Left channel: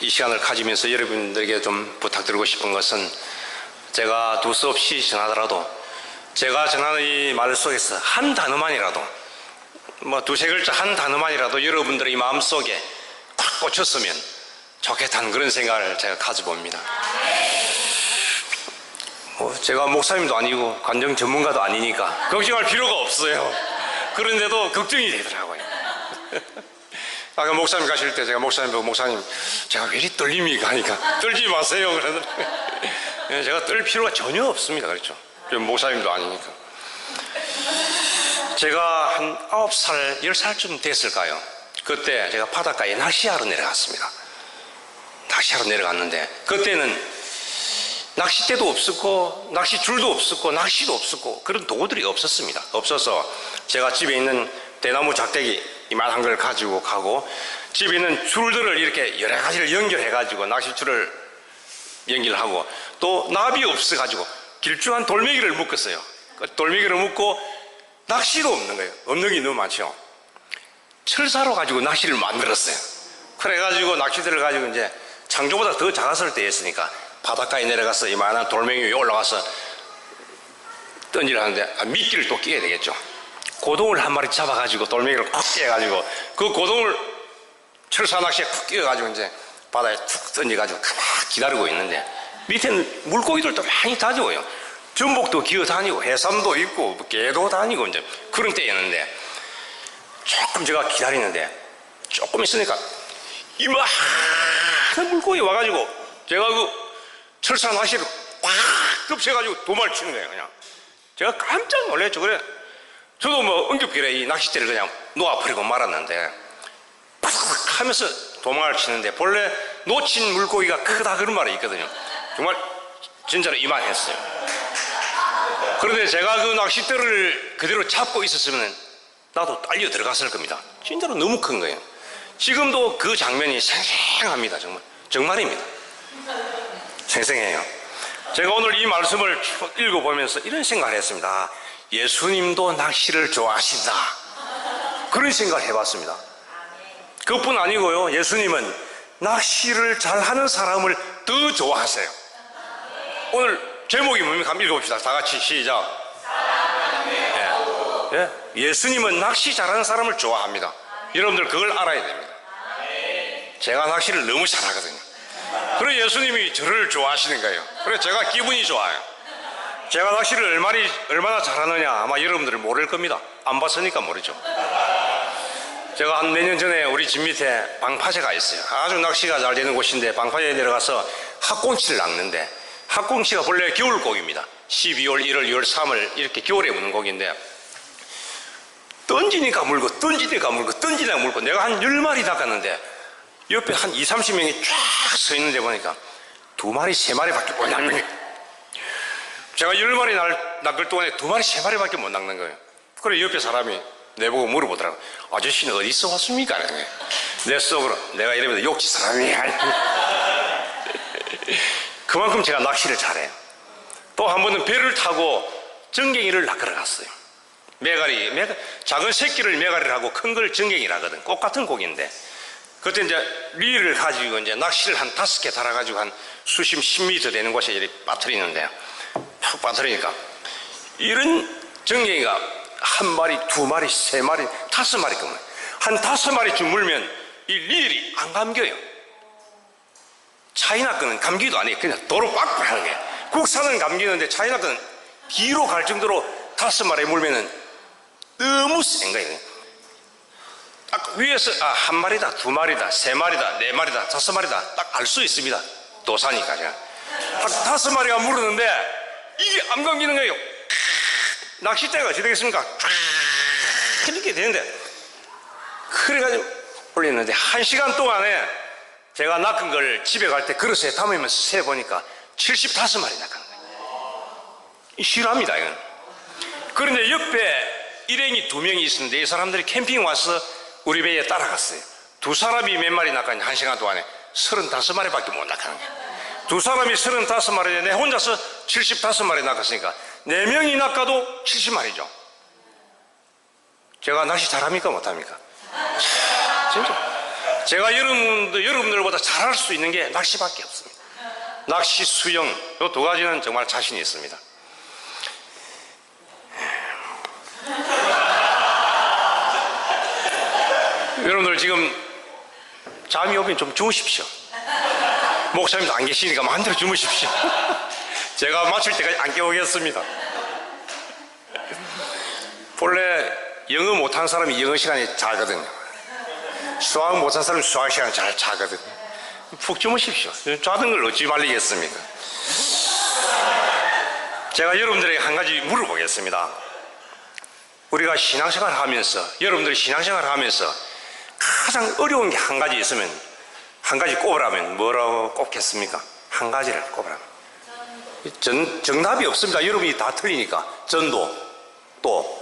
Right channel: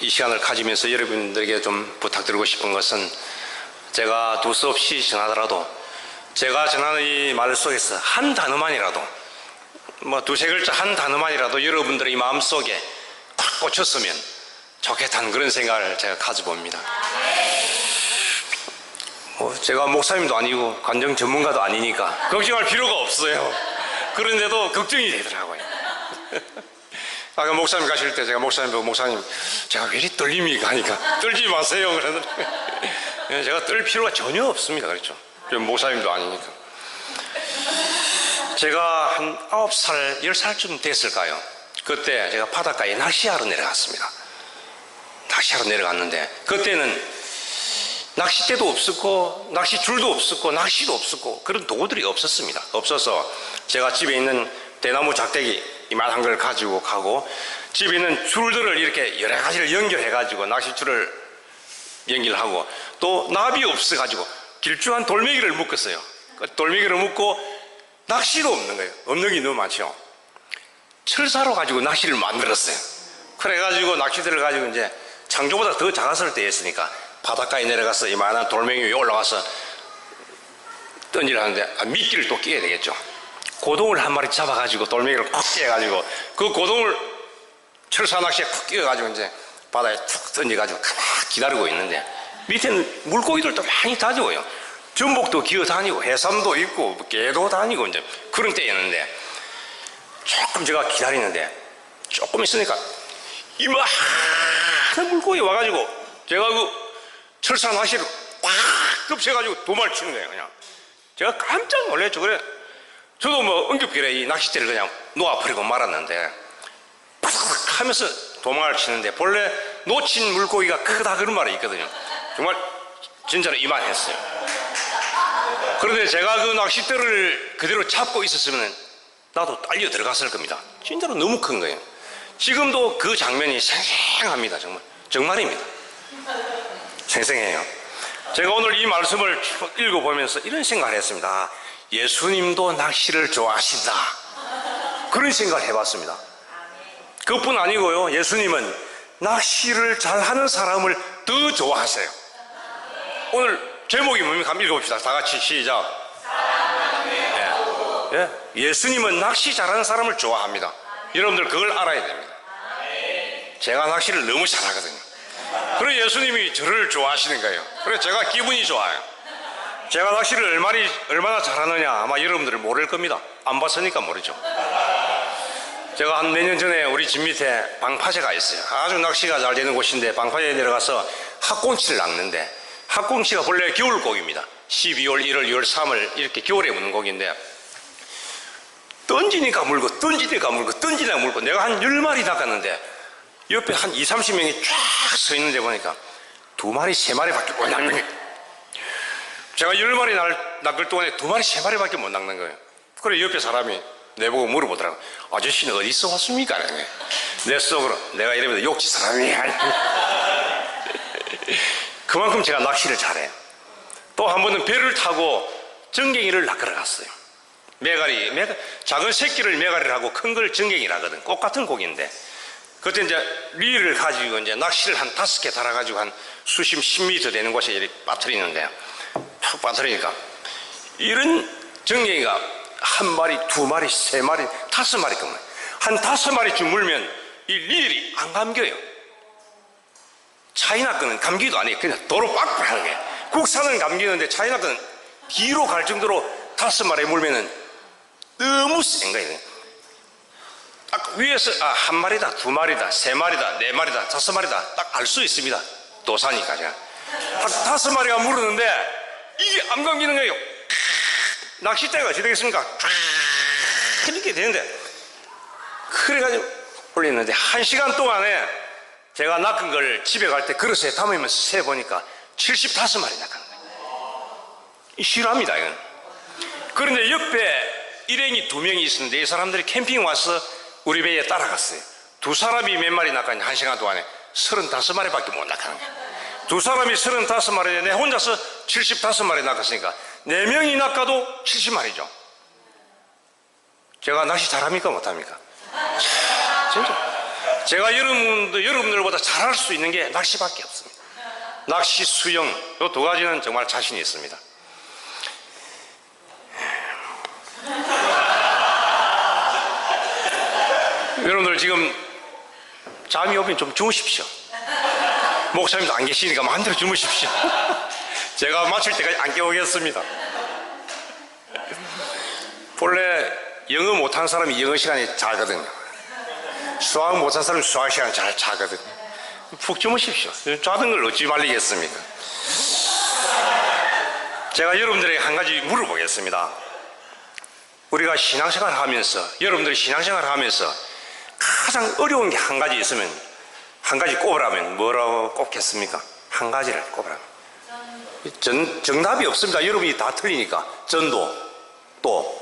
이 시간을 가지면서 여러분들에게 좀 부탁드리고 싶은 것은, 제가 두서없이 전하더라도 제가 전하는 이 말 속에서 한 단어만이라도, 뭐 두세 글자 한 단어만이라도 여러분들의 마음속에 꽉 꽂혔으면 좋겠다는 그런 생각을 제가 가져봅니다. 제가 목사님도 아니고 관정 전문가도 아니니까 걱정할 필요가 없어요. 그런데도 걱정이 되더라고요. 아까 목사님 가실 때 제가 목사님 보고, 목사님 제가 왜 이리 떨립니까 하니까, 떨지 마세요 그러더라고요. 제가 떨 필요가 전혀 없습니다. 그렇죠. 목사님도 아니니까. 제가 한 9살, 10살쯤 됐을까요? 그때 제가 바닷가에 낚시하러 내려갔습니다. 낚시하러 내려갔는데, 그때는 낚싯대도 없었고 낚시줄도 없었고 낚시도 없었고 그런 도구들이 없었습니다. 없어서 제가 집에 있는 대나무 작대기 이만한 걸 가지고 가고, 집에 있는 줄들을 이렇게 여러 가지를 연결해 가지고 낚시줄을 연결하고, 또 나비 없어 가지고 길쭉한 돌멩이를 묶었어요. 돌멩이를 묶고, 낚시도 없는 거예요. 없는 게 너무 많죠. 철사로 가지고 낚시를 만들었어요. 그래 가지고 낚시대를 가지고 이제 창조보다 더 작았을 때였으니까 바닷가에 내려가서 이만한 돌멩이 위에 올라가서 던지려 하는데, 미끼를 또 끼워야 되겠죠. 고동을 한 마리 잡아가지고 돌멩이를 콕 끼워가지고 그 고동을 철사 낚시에 콕 끼워가지고 이제 바다에 툭 던져가지고 가만 기다리고 있는데, 밑에는 물고기들도 많이 다니고요. 전복도 기어다니고 해삼도 있고 개도 다니고 이제 그런 때였는데, 조금 제가 기다리는데 조금 있으니까 이만한 물고기 와가지고 제가 그 철사 낚시를 꽉 덮쳐가지고 도마를 치는 거예요. 그냥 제가 깜짝 놀랐죠. 그래 저도 뭐 응급길에 이 낚싯대를 그냥 놓아버리고 말았는데, 팍 하면서 도망을 치는데, 본래 놓친 물고기가 크다 그런 말이 있거든요. 정말 진짜로 이만했어요. 그런데 제가 그 낚싯대를 그대로 잡고 있었으면 나도 딸려 들어갔을 겁니다. 진짜로 너무 큰 거예요. 지금도 그 장면이 생생합니다. 정말입니다. 생생해요. 제가 오늘 이 말씀을 읽어보면서 이런 생각을 했습니다. 예수님도 낚시를 좋아하신다, 그런 생각을 해봤습니다. 그것뿐 아니고요, 예수님은 낚시를 잘하는 사람을 더 좋아하세요. 오늘 제목이 뭡니까? 한번 읽어봅시다. 다 같이 시작. 예수님은 낚시 잘하는 사람을 좋아합니다. 여러분들 그걸 알아야 됩니다. 제가 낚시를 너무 잘하거든요. 그래 예수님이 저를 좋아하시는 거예요. 그래 제가 기분이 좋아요. 제가 낚시를 얼마나 잘하느냐 아마 여러분들은 모를 겁니다. 안 봤으니까 모르죠. 제가 한 몇 년 전에 우리 집 밑에 방파제가 있어요. 아주 낚시가 잘 되는 곳인데, 방파제에 내려가서 학꽁치를 낚는데, 학꽁치가 본래 겨울고기입니다. 12월, 1월, 2월, 3월 이렇게 겨울에 무는 고기인데, 던지니까 물고 던지니까 물고 던지니까 물고, 내가 한 10마리 낚았는데 옆에 한 20, 30명이 쫙 서 있는데 보니까 2마리, 3마리밖에 못 낚는 거예요. 제가 10마리 낚을 동안에 2마리, 3마리밖에 못 낚는 거예요. 그래 옆에 사람이 내보고 물어보더라고. 아저씨는 어디서 왔습니까? 내 속으로 내가 이러면서 욕지 사람이야. 그만큼 제가 낚시를 잘해요. 또 한 번은 배를 타고 정갱이를 낚으러 갔어요. 메가리, 작은 새끼를 메가리를 하고 큰 걸 정갱이라 하거든. 꽃 같은 고기인데, 그때 이제 리를 가지고 이제 낚시를 한 5개 달아가지고 한 수심 10m 되는 곳에 이렇게 빠뜨리는데, 팍 빠뜨리니까 이런 정갱이가 1마리, 2마리, 3마리, 5마리까지 한 5마리쯤 물면 이 릴이 안 감겨요. 차이나 거는 감기도 안 해요. 그냥 도로 빡빡 하는 거예요. 국산은 감기는데 차이나 거는 뒤로 갈 정도로 5마리 물면은 너무 센 거예요. 딱 위에서 1마리다, 2마리다, 3마리다, 4마리다, 5마리다 딱 알 수 있습니다. 도사니까 제가 딱 5마리가 물었는데 이게 안 감기는 거예요. 낚싯대가 어떻게 되겠습니까? 이렇게 되는데, 그래가지고 올렸는데 1시간 동안에 제가 낚은 걸 집에 갈 때 그릇에 담으면서 세보니까 75마리 낚은 거예요. 싫어합니다 이건. 그런데 옆에 일행이 2명이 있었는데, 이 사람들이 캠핑 와서 우리 배에 따라갔어요. 2사람이 몇 마리 낚았냐, 1시간 동안에 35마리밖에 못 낚은 거예요. 2사람이 35마리에 내 혼자서 75마리 낚았으니까 4명이 낚아도 70마리죠. 제가 낚시 잘합니까 못합니까? 진짜 제가 여러분들보다 잘할 수 있는 게 낚시밖에 없습니다. 낚시, 수영, 이 두 가지는 정말 자신이 있습니다. 여러분들 지금 잠이 오면 좀 주무십시오. 목사님도 안 계시니까 마음대로 주무십시오. 제가 마칠 때까지 안 깨우겠습니다. 본래 영어 못하는 사람이 영어 시간에 자거든요. 수학 못하는 사람이 수학 시간에 잘 자거든요. 푹 주무십시오. 자는 걸 어찌 말리겠습니까? 제가 여러분들에게 한 가지 물어보겠습니다. 우리가 신앙생활을 하면서, 여러분들이 신앙생활을 하면서 가장 어려운 게 한 가지 있으면, 한 가지 꼽으라면 뭐라고 꼽겠습니까? 한 가지를 꼽으라면. 정답이 없습니다. 여러분이 다 틀리니까. 전도, 또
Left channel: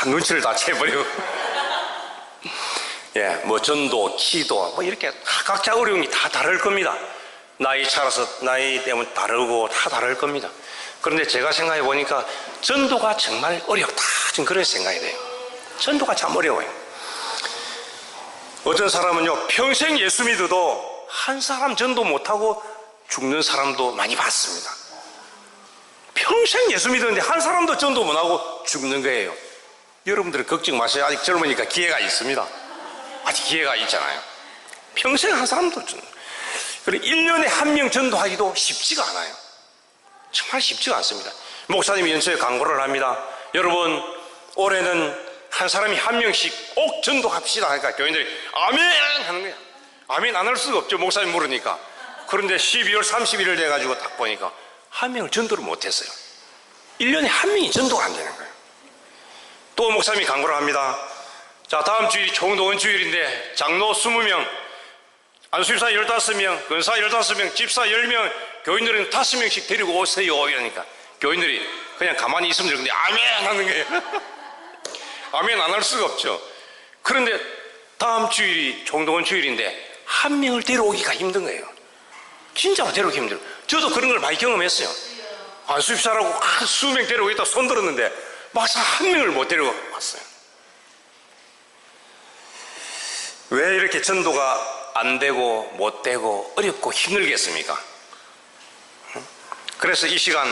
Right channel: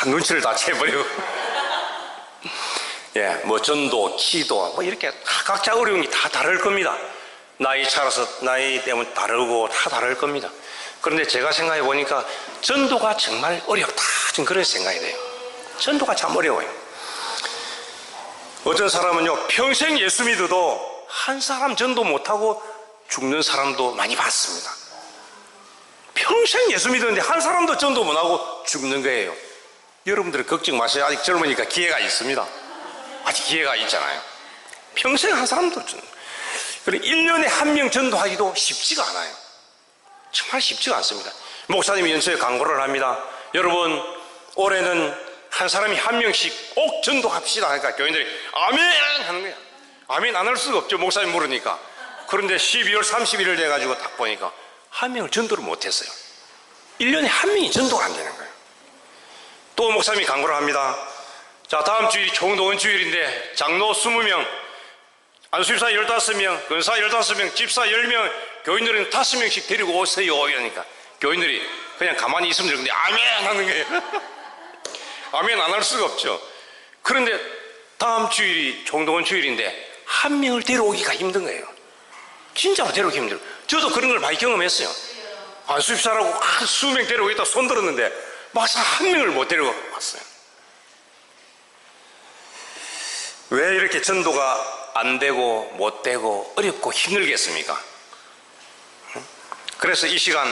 다 눈치를 다 채버리고 예, 뭐 전도, 기도, 뭐 이렇게 각자 어려운 게 다 다를 겁니다. 나이 차라서 나이 때문에 다르고 다 다를 겁니다. 그런데 제가 생각해 보니까 전도가 정말 어렵다, 지금 그런 생각이 돼요. 전도가 참 어려워요. 어떤 사람은요, 평생 예수 믿어도 한 사람 전도 못하고 죽는 사람도 많이 봤습니다. 평생 예수 믿었는데 한 사람도 전도 못하고 죽는 거예요. 여러분들 걱정 마세요. 아직 젊으니까 기회가 있습니다. 아직 기회가 있잖아요. 평생 한 사람도 전도. 그리고 1년에 한 명 전도하기도 쉽지가 않아요. 정말 쉽지가 않습니다. 목사님이 연초에 강구를 합니다. 여러분, 올해는 한 사람이 한 명씩 꼭 전도합시다 하니까 교인들이 아멘 하는 거야. 아멘 안 할 수가 없죠. 목사님 물으니까. 그런데 12월 31일 돼가지고 딱 보니까 한 명을 전도를 못했어요. 1년에 한 명이 전도가 안 되는 거예요. 또 목사님이 강구를 합니다. 자, 다음 주일이 총동원 주일인데 장로 20명, 안수집사 15명, 근사 15명, 집사 10명, 교인들은 5명씩 데리고 오세요 이러니까 교인들이 그냥 가만히 있으면 되는데 아멘 하는 거예요. 아멘 안 할 수가 없죠. 그런데 다음 주일이 총동원 주일인데 한 명을 데려오기가 힘든 거예요. 진짜로 데려오기 힘들어요. 저도 그런 걸 많이 경험했어요. 안수집사라고 한 수명 데려오겠다 손 들었는데 막상 한 명을 못 데려가 왔어요. 왜 이렇게 전도가 안 되고 못 되고 어렵고 힘들겠습니까? 그래서 이 시간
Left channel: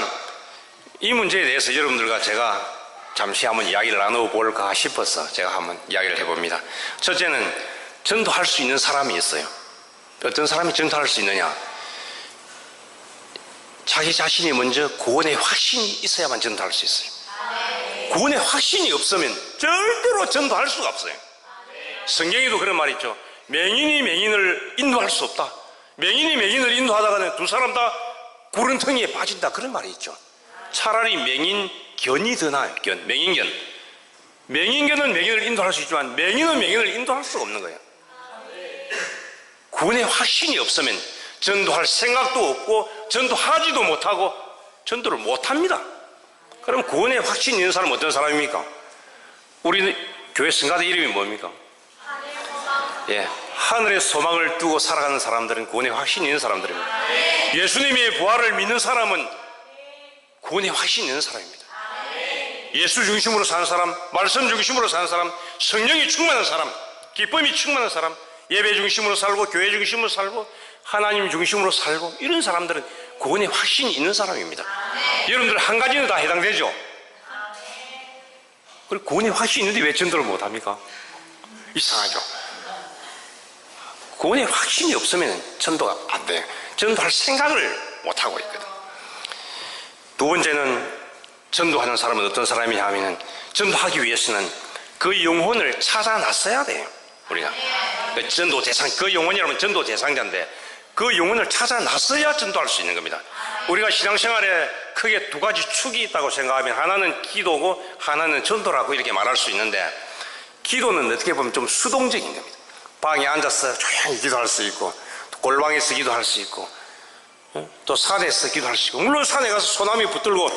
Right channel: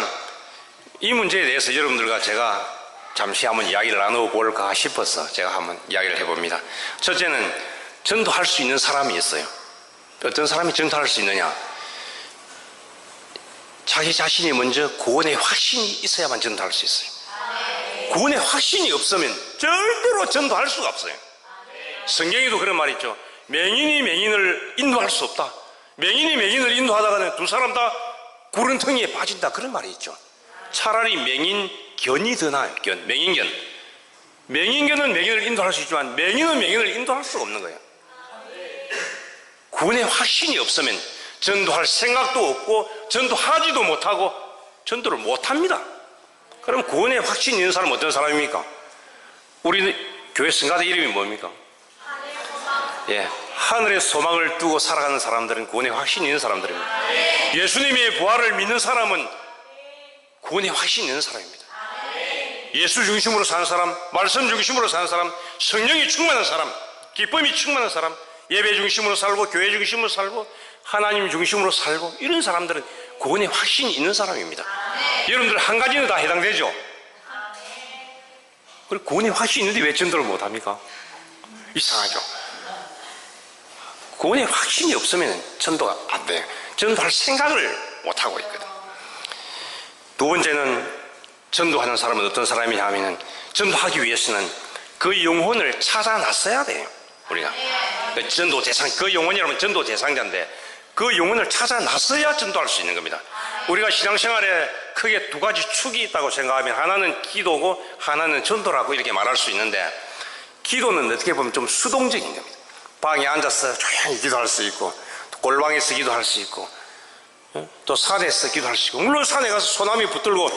이 문제에 대해서 여러분들과 제가 잠시 한번 이야기를 나눠볼까 싶어서 제가 한번 이야기를 해봅니다. 첫째는 전도할 수 있는 사람이 있어요. 어떤 사람이 전도할 수 있느냐? 자기 자신이 먼저 구원의 확신이 있어야만 전도할 수 있어요. 구원의 확신이 없으면 절대로 전도할 수가 없어요. 성경에도 그런 말이 있죠. 맹인이 맹인을 인도할 수 없다. 맹인이 맹인을 인도하다가는 두 사람 다 구른텅이에 빠진다, 그런 말이 있죠. 차라리 맹인견이 더 나아요. 맹인견. 맹인견은 맹인을 인도할 수 있지만 맹인은 맹인을 인도할 수가 없는 거예요. 구원의 확신이 없으면 전도할 생각도 없고 전도하지도 못하고 전도를 못합니다. 그럼 구원의 확신이 있는 사람은 어떤 사람입니까? 우리 교회 성가대 이름이 뭡니까? 예, 하늘의 소망을 두고 살아가는 사람들은 구원의 확신이 있는 사람들입니다. 예수님의 부활을 믿는 사람은 구원의 확신이 있는 사람입니다. 예수 중심으로 사는 사람, 말씀 중심으로 사는 사람, 성령이 충만한 사람, 기쁨이 충만한 사람, 예배 중심으로 살고 교회 중심으로 살고 하나님 중심으로 살고, 이런 사람들은 구원의 확신이 있는 사람입니다. 여러분들 한 가지는 다 해당되죠? 그리고 구원의 확신이 있는데 왜 전도를 못합니까? 이상하죠? 구원의 확신이 없으면 전도가 안 돼요. 전도할 생각을 못하고 있거든. 두 번째는 전도하는 사람은 어떤 사람이냐 하면, 전도하기 위해서는 그 영혼을 찾아 놨어야 돼요. 우리가 전도 대상, 그 영혼이라면 전도 대상자인데 그 영혼을 찾아 놨어야 전도할 수 있는 겁니다. 우리가 신앙생활에 크게 두 가지 축이 있다고 생각하면, 하나는 기도고 하나는 전도라고 이렇게 말할 수 있는데, 기도는 어떻게 보면 좀 수동적인 겁니다. 방에 앉아서 조용히 기도할 수 있고, 또 골방에서 기도할 수 있고, 또 산에서 기도할 수 있고, 물론 산에 가서 소나무 붙들고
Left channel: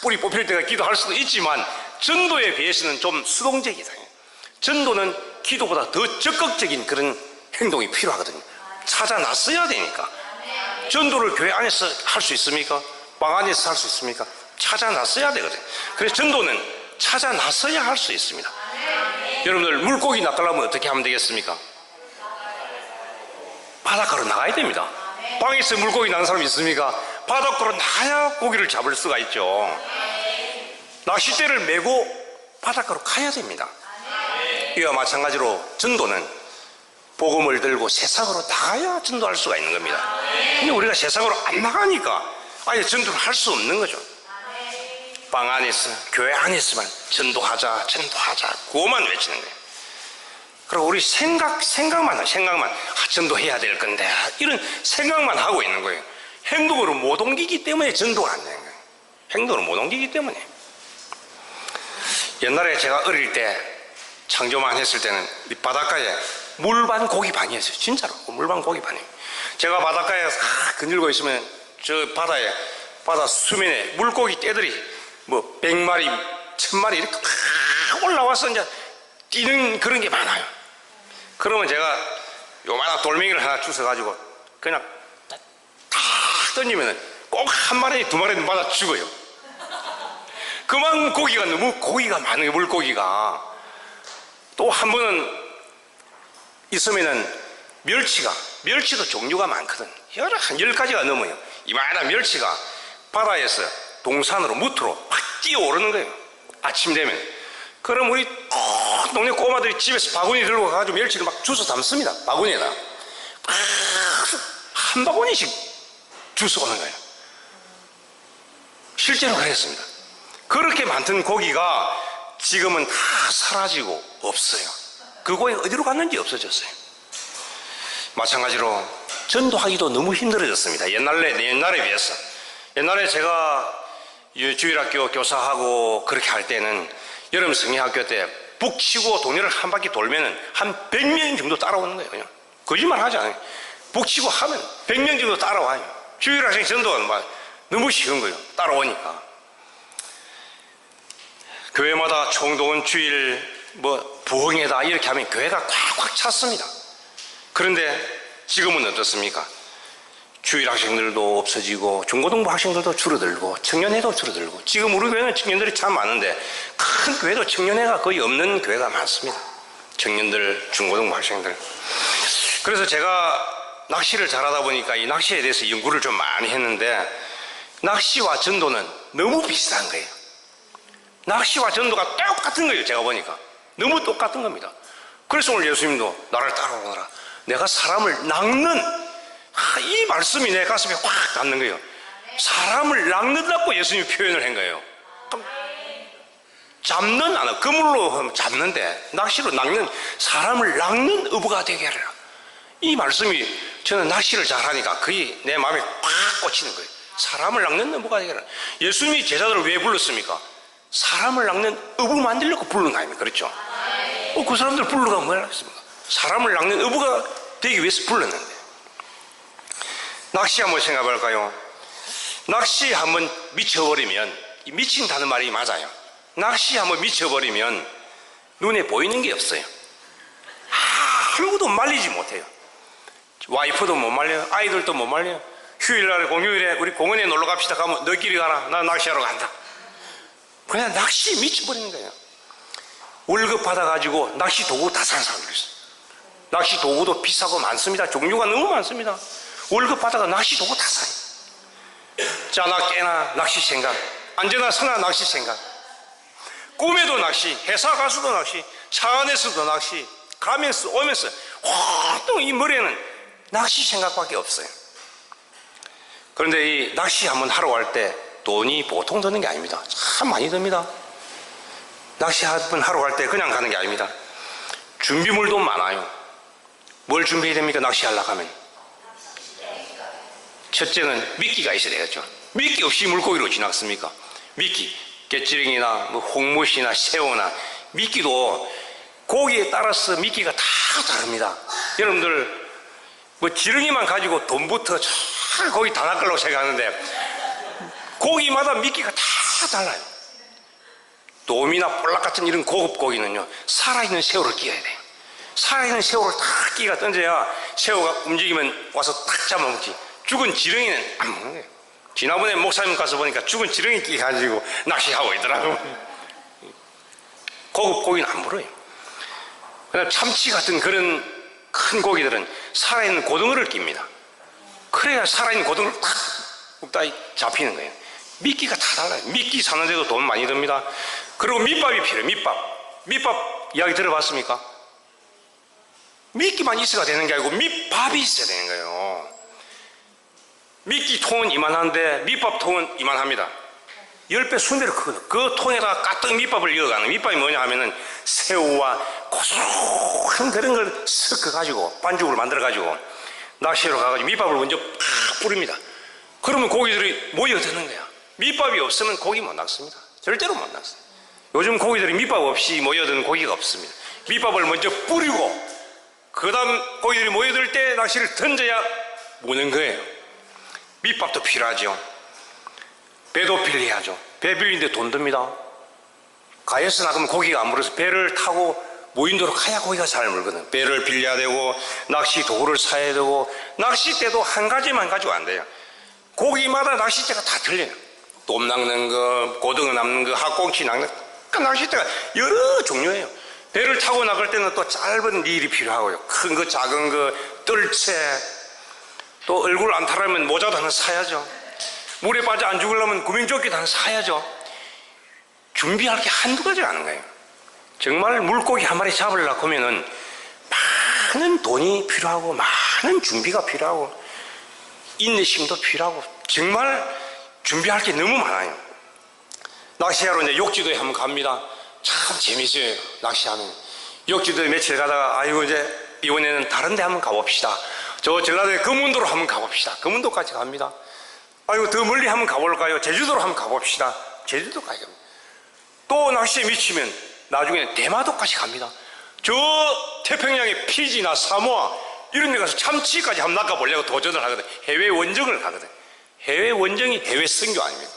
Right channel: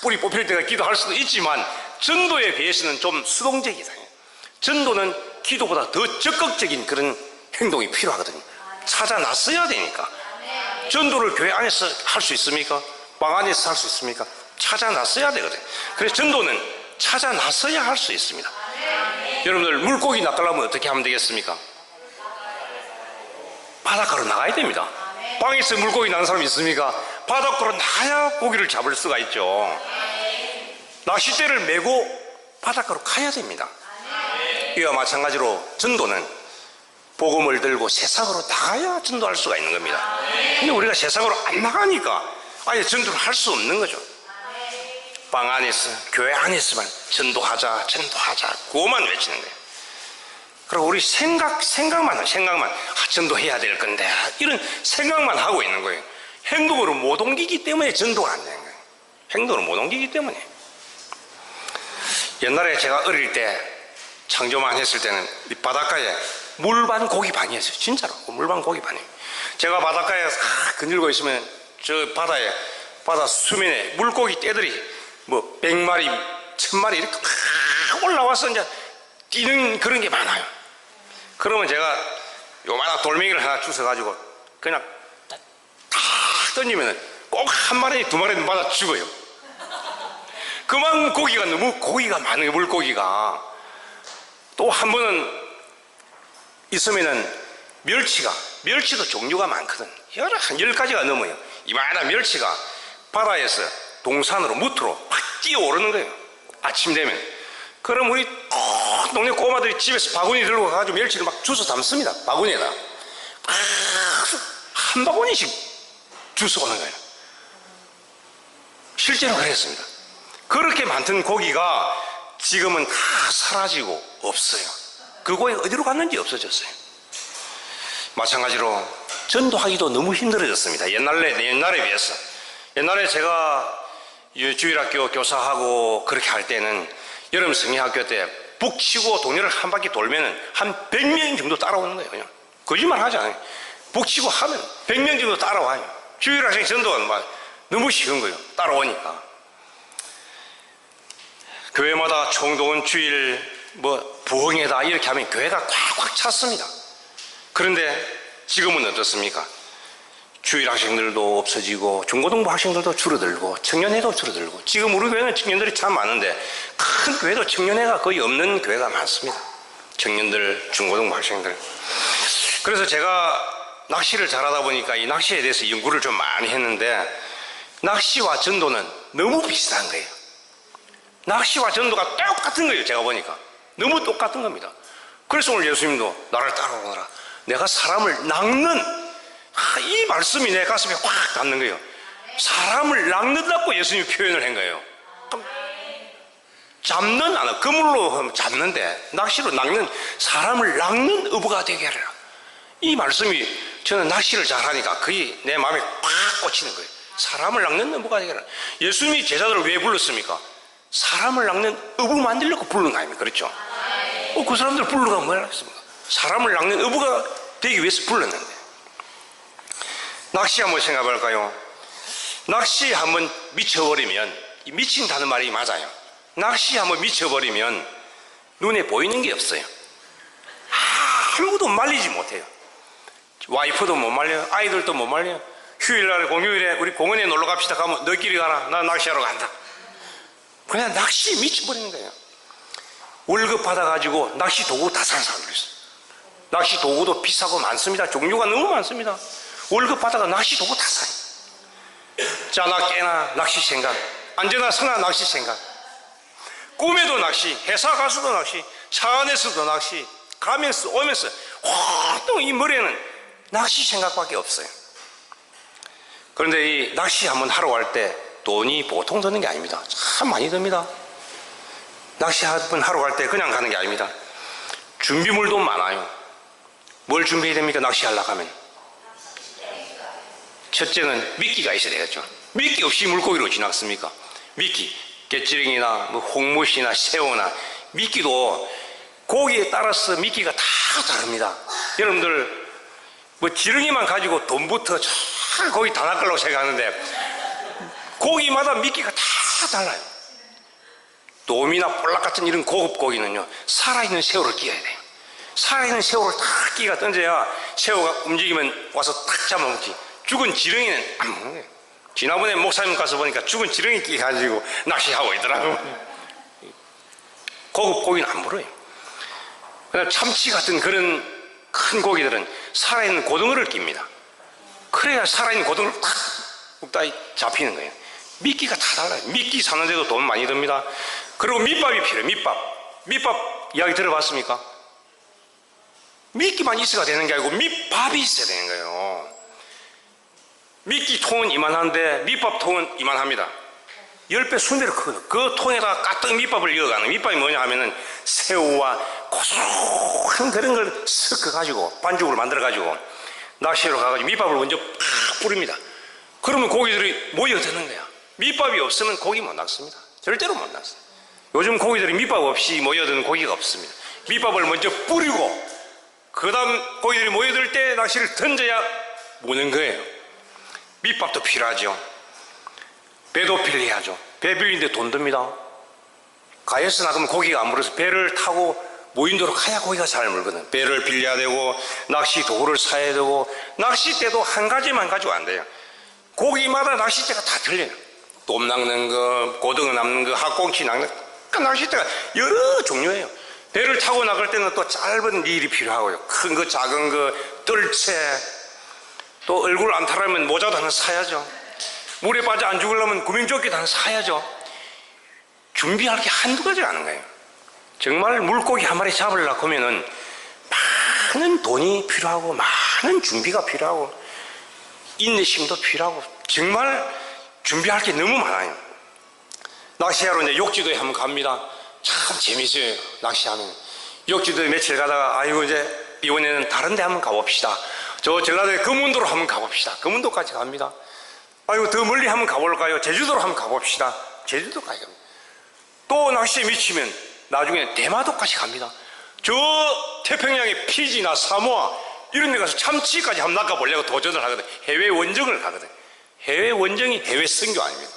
뿌리 뽑힐 때가 기도할 수도 있지만 전도에 비해서는 좀 수동적이다. 전도는 기도보다 더 적극적인 그런 행동이 필요하거든요. 찾아 놨어야 되니까. 전도를 교회 안에서 할 수 있습니까? 방 안에서 할 수 있습니까? 찾아 놨어야 되거든요. 그래서 전도는 찾아 놨어야 할 수 있습니다. 여러분들 물고기 낚으려면 어떻게 하면 되겠습니까? 바닷가로 나가야 됩니다. 방에서 물고기 낚는 사람 있습니까? 바닷가로 나가야 고기를 잡을 수가 있죠. 낚싯대를 메고 바닷가로 가야 됩니다. 이와 마찬가지로 전도는 복음을 들고 세상으로 나가야 전도할 수가 있는 겁니다. 근데 우리가 세상으로 안 나가니까 아예 전도를 할 수 없는 거죠. 방 안에서, 교회 안에서만 전도하자 그거만 외치는 거예요. 그리고 우리 생각만 전도해야 될 건데 이런 생각만 하고 있는 거예요. 행동으로 못 옮기기 때문에 전도가 안 되는 거예요. 행동으로 못 옮기기 때문에. 옛날에 제가 어릴 때 창조만 했을 때는 이 바닷가에 물반 고기 반이었어요. 진짜로 물반 고기 반이에요. 제가 바닷가에 거닐고 있으면 저 바다 수면에 물고기 떼들이 뭐 100마리, 1000마리 이렇게 막 올라와서 이제 뛰는 그런 게 많아요. 그러면 제가 요만한 돌멩이를 하나 주워가지고 그냥 탁 던지면은 꼭 한 마리, 두 마리는 맞아 죽어요. 그만 고기가 너무 고기가 많은 거예요. 물고기가. 또 한 번은 있으면은 멸치도 종류가 많거든. 한 10가지가 넘어요. 이만한 멸치가 바다에서 동산으로 무트로 막 뛰어오르는 거예요. 아침 되면. 그럼 우리 동네 꼬마들이 집에서 바구니 들고 가가지고 멸치를 막 주워 담습니다. 바구니에다 한 바구니씩 주워 오는 거예요. 실제로 그랬습니다. 그렇게 많던 고기가 지금은 다 사라지고 없어요. 그 고기가 어디로 갔는지 없어졌어요. 마찬가지로 전도하기도 너무 힘들어졌습니다. 옛날에 비해서. 옛날에 제가 주일학교 교사하고 그렇게 할 때는 여름 성경학교 때 북치고 동네를 한 바퀴 돌면은 한 100명 정도 따라오는 거예요. 그냥 거짓말 하지 않아요. 북치고 하면 100명 정도 따라와요. 주일학생 전도가 막 너무 쉬운 거예요. 따라오니까. 교회마다 총동원 주일 부흥회다 이렇게 하면 교회가 꽉꽉 찼습니다. 그런데 지금은 어떻습니까? 주일 학생들도 없어지고 중고등부 학생들도 줄어들고 청년회도 줄어들고 지금 우리 교회는 청년들이 참 많은데 큰 교회도 청년회가 거의 없는 교회가 많습니다. 청년들, 중고등부 학생들. 그래서 제가 낚시를 잘하다 보니까 이 낚시에 대해서 연구를 좀 많이 했는데 낚시와 전도는 너무 비슷한 거예요. 낚시와 전도가 똑같은 거예요. 제가 보니까 너무 똑같은 겁니다. 그래서 오늘 예수님도 나를 따라오너라. 내가 사람을 낚는 이 말씀이 내 가슴에 확 닿는 거예요. 사람을 낚는다고 예수님이 표현을 한 거예요. 잡는 안 그물로 잡는데 낚시로 낚는 사람을 낚는 어부가 되게 하라. 이 말씀이 저는 낚시를 잘하니까 거의 내 마음에 확 꽂히는 거예요. 사람을 낚는 어부가 되게 하라. 예수님이 제자들을 왜 불렀습니까? 사람을 낚는 어부 만들려고 부른 거 아닙니까? 그렇죠? 그 사람들 부르가 뭐라 했습니까? 사람을 낚는 어부가 되기 위해서 불렀는데 낚시 한번 생각해 볼까요? 낚시 한번 미쳐버리면 미친다는 말이 맞아요. 낚시 한번 미쳐버리면 눈에 보이는 게 없어요. 아무도 말리지 못해요. 와이프도 못 말려요. 아이들도 못 말려요. 휴일날 공휴일에 우리 공원에 놀러 갑시다 가면 너끼리 가라. 나 낚시하러 간다. 그냥 낚시 미쳐버리는 거예요. 월급 받아가지고 낚시 도구 다 사는 사람들이 있어요. 낚시 도구도 비싸고 많습니다. 종류가 너무 많습니다. 월급 받아가 낚시 도구 다 사요. 짜나 깨나 낚시 생각, 앉으나 서나 낚시 생각, 꿈에도 낚시, 회사 가서도 낚시, 차 안에서도 낚시, 가면서 오면서 활동 이 머리에는 낚시 생각밖에 없어요. 그런데 이 낚시 한번 하러 갈 때 돈이 보통 드는 게 아닙니다. 참 많이 듭니다. 낚시 한번 하러 갈 때 그냥 가는 게 아닙니다. 준비물도 많아요. 뭘 준비해야 됩니까? 낚시하려고 하면 첫째는 미끼가 있어야 되겠죠. 미끼 없이 물고기로 지나갔습니까? 미끼, 깨찌랭이나 홍무시나 새우나 미끼도 고기에 따라서 미끼가 다 다릅니다. 여러분들 지렁이만 가지고 돈부터 거기 다 낚으려고 생각하는데 고기마다 미끼가 다 달라요. 돔이나 볼락 같은 이런 고급 고기는요 살아있는 새우를 끼워야 돼요. 살아있는 새우를 딱 끼가 던져야 새우가 움직이면 와서 딱 잡아먹지. 죽은 지렁이는 안 먹는 거예요. 지난번에 목사님 가서 보니까 죽은 지렁이 끼 가지고 낚시하고 있더라고요. 고급 고기는 안 물어요. 그다음 참치 같은 그런 큰 고기들은 살아있는 고등어를 낍니다. 그래야 살아있는 고등어를 탁 굽다 잡히는 거예요. 미끼가 다 달라요. 미끼 사는데도 돈 많이 듭니다. 그리고 밑밥이 필요해요. 밑밥 이야기 들어봤습니까? 미끼만 있어야 되는 게 아니고 밑밥이 있어야 되는 거예요. 미끼 통은 이만한데 밑밥 통은 이만합니다. 10배, 20배로 크거든요. 그 통에다가 가득 밑밥을 이어가는, 밑밥이 뭐냐 하면은 새우와 고소한 그런 걸 섞어가지고 반죽을 만들어가지고 낚시로 가가지고 밑밥을 먼저 팍 뿌립니다. 그러면 고기들이 모여드는 거야. 밑밥이 없으면 고기 못 낚습니다. 절대로 못 낚습니다. 요즘 고기들이 밑밥 없이 모여드는 고기가 없습니다. 밑밥을 먼저 뿌리고 그 다음 고기들이 모여들 때 낚시를 던져야 무는 거예요. 밑밥도 필요하죠. 배도 빌려야죠. 배 빌리는데 돈 듭니다. 가에서 나가면 고기가 안 물어서 배를 타고 무인도로 가야 고기가 잘 물거든. 배를 빌려야 되고 낚시 도구를 사야 되고 낚싯대도 한 가지만 가지고 안 돼요. 고기마다 낚싯대가 다 틀려요. 돔 낚는 거, 고등어 낚는 거, 학꽁치 낚는 거, 그 낚싯대가 여러 종류예요. 배를 타고 나갈 때는 또 짧은 릴이 필요하고요. 큰 거, 작은 거, 뜰채, 또 얼굴 안 타려면 모자도 하나 사야죠. 물에 빠져 안 죽으려면 구명조끼도 하나 사야죠. 준비할 게 한두 가지가 아닌 거예요. 정말 물고기 한 마리 잡으려고 하면은 많은 돈이 필요하고 많은 준비가 필요하고 인내심도 필요하고 정말 준비할 게 너무 많아요. 낚시하러 이제 욕지도에 한번 갑니다. 참 재밌어요. 낚시하는 욕지도에 며칠 가다가 아이고 이제 이번에는 다른 데 한번 가봅시다. 저 전라도의 금운도로 한번 가봅시다. 금운도까지 갑니다. 아이고 더 멀리 한번 가볼까요? 제주도로 한번 가봅시다. 제주도까지 갑니다. 또 낚시에 미치면 나중에 대마도까지 갑니다. 저 태평양의 피지나 사모아 이런 데 가서 참치까지 한번 낚아보려고 도전을 하거든. 해외 원정을 가거든. 해외 원정이 해외 선교 아닙니까?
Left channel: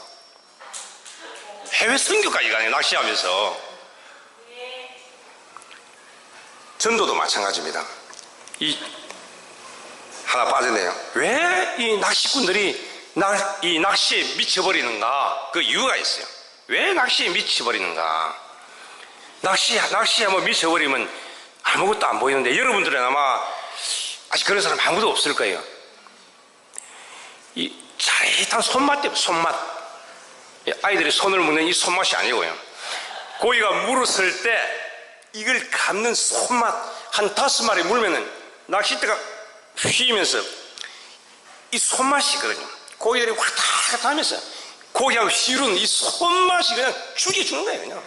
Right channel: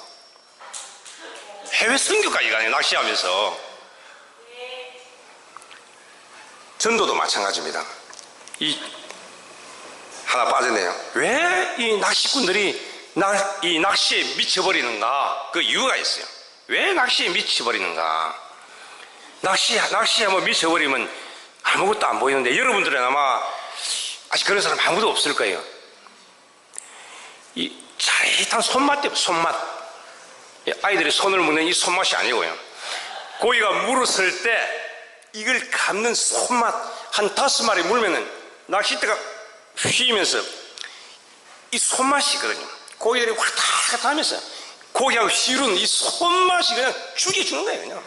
해외 선교까지 가요. 낚시하면서. 전도도 마찬가지입니다. 하나 빠졌네요. 왜 이 낚시꾼들이 이 낚시에 미쳐버리는가? 그 이유가 있어요. 왜 낚시에 미쳐버리는가? 낚시에 뭐 미쳐버리면 아무것도 안 보이는데 여러분들은 아마 아직 그런 사람 아무도 없을 거예요. 이 짜릿한 손맛 때문에 손맛. 아이들이 손을 먹는 이 손맛이 아니고요. 고기가 물었을 때 이걸 감는 손맛 한 5마리 물면은 낚싯대가 휘면서 이 손맛이 있거든요. 고기들이 왔다 갔다 하면서 고기하고 씨루는 이 손맛이 그냥 죽여주는 거예요. 그냥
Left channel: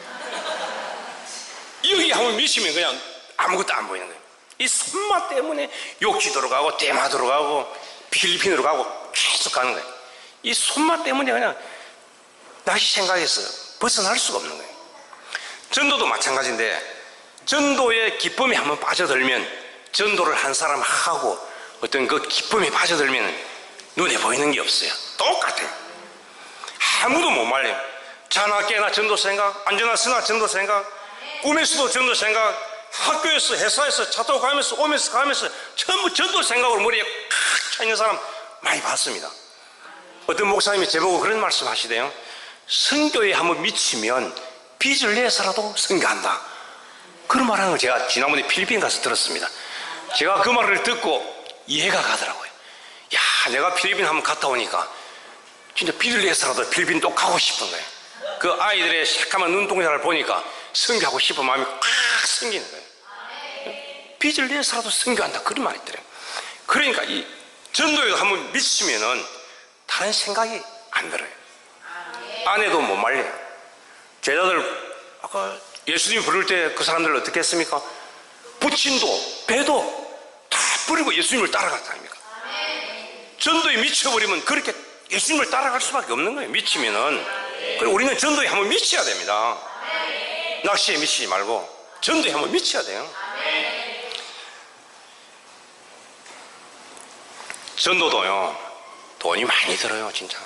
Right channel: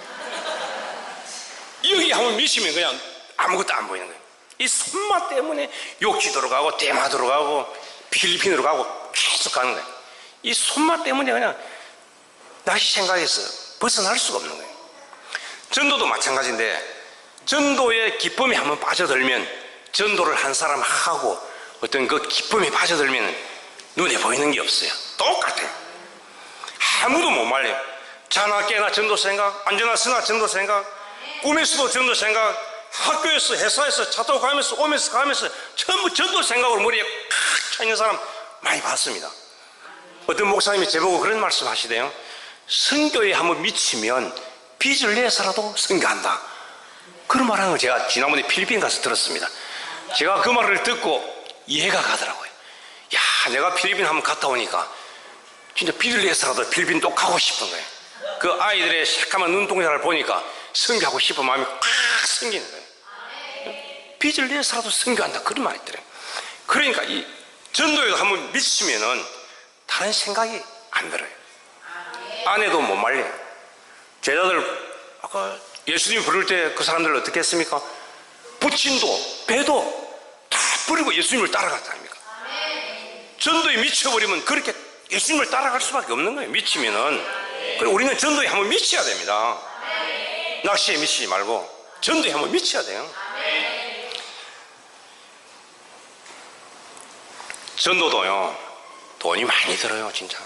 여기 한번 미치면 그냥 아무것도 안 보이는 거예요. 이 손맛 때문에 욕지도로 가고 대마도로 가고 필리핀으로 가고 계속 가는 거예요. 이 손맛 때문에 그냥 낚시 생각에서 벗어날 수가 없는 거예요. 전도도 마찬가지인데 전도의 기쁨에 한번 빠져들면 전도를 한 사람 하고 어떤 그 기쁨에 빠져들면 눈에 보이는 게 없어요. 똑같아요. 아무도 못 말려요. 자나 깨나 전도 생각, 앉으나 서나 전도 생각, 꿈에서도 전도 생각, 학교에서 회사에서 차 타고 가면서 오면서 가면서 전부 전도 생각으로 머리에 칵 차 있는 사람 많이 봤습니다. 어떤 목사님이 제보고 그런 말씀 하시대요. 선교에 한번 미치면 빚을 내서라도 선교한다. 그런 말하는 걸 제가 지난번에 필리핀 가서 들었습니다. 제가 그 말을 듣고 이해가 가더라고요. 야, 내가 필리핀 한번 갔다 오니까 진짜 빚을 내서라도 필리핀 또 가고 싶은 거예요. 그 아이들의 새까만 눈동자를 보니까 선교하고 싶은 마음이 꽉 생기는 거예요. 빚을 내서라도 선교한다. 그런 말이 있더래요. 그러니까 이 전도에도 한번 미치면은 다른 생각이 안 들어요. 아내도 못 말려요. 제자들 아까 예수님 부를 때 그 사람들 어떻게 했습니까? 부친도 배도 다 버리고 예수님을 따라갔다 아닙니까? 전도에 미쳐버리면 그렇게 예수님을 따라갈 수밖에 없는 거예요. 미치면은. 그리고 우리는 전도에 한번 미쳐야 됩니다. 낚시에 미치지 말고 전도에 한번 미쳐야 돼요. 전도도요 돈이 많이 들어요. 진짜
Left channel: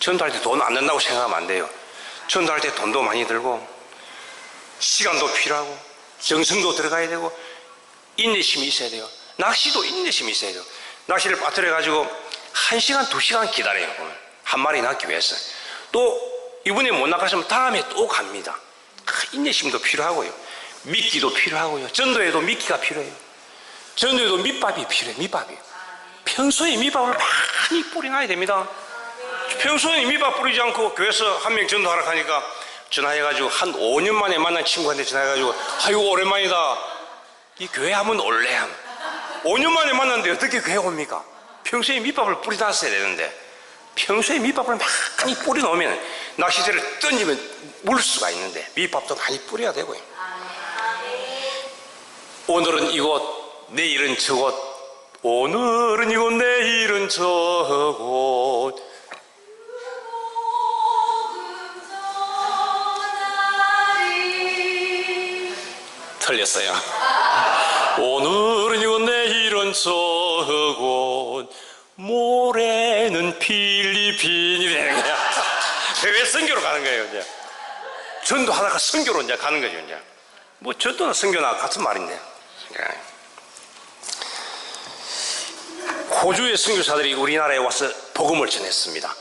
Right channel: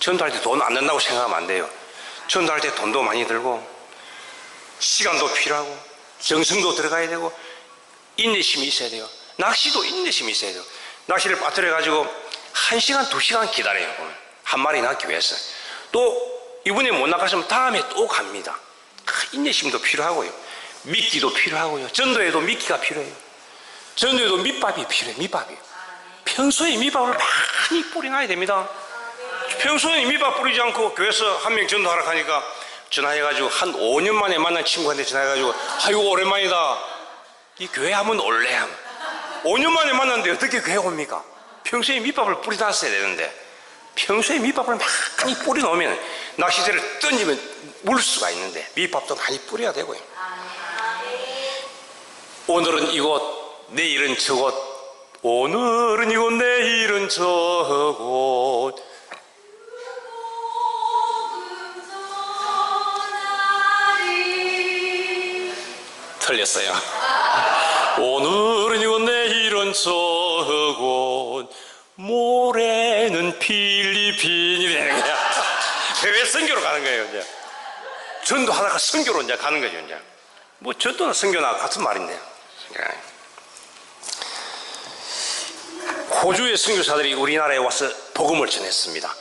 전도할 때 돈 안 든다고 생각하면 안 돼요. 전도할 때 돈도 많이 들고 시간도 필요하고 정성도 들어가야 되고 인내심이 있어야 돼요. 낚시도 인내심이 있어야 돼요. 낚시를 빠뜨려 가지고 1시간 2시간 기다려요. 한 마리 낚기 위해서. 또 이번에 못 낚았으면 다음에 또 갑니다. 인내심도 필요하고요. 미끼도 필요하고요. 전도에도 미끼가 필요해요. 전도에도 밑밥이 필요해요. 밑밥이. 평소에 밑밥을 많이 뿌려놔야 됩니다. 평소에 밑밥 뿌리지 않고 교회에서 한 명 전도하러 가니까 전화해가지고 한 5년 만에 만난 친구한테 전화해가지고 아이고 오랜만이다. 이 교회 한번 올래? 5년 만에 만났는데 어떻게 교회 옵니까? 평소에 밑밥을 뿌려놨어야 되는데 평소에 밑밥을 많이 뿌려놓으면 낚싯대를 던지면 물 수가 있는데 밑밥도 많이 뿌려야 되고요. 오늘은 이곳 내일은 저곳, 오늘은 이곳 내일은 저곳. 틀렸어요. 오늘은 이곳 내일은 저곳, 모레는 필리핀이 되는 거야. 왜 선교로 가는 거예요? 이제 전도하다가 선교로 이제 가는 거죠. 이제 뭐 전도나 선교나 같은 말인데요. 호주의 선교사들이 우리나라에 와서 복음을 전했습니다.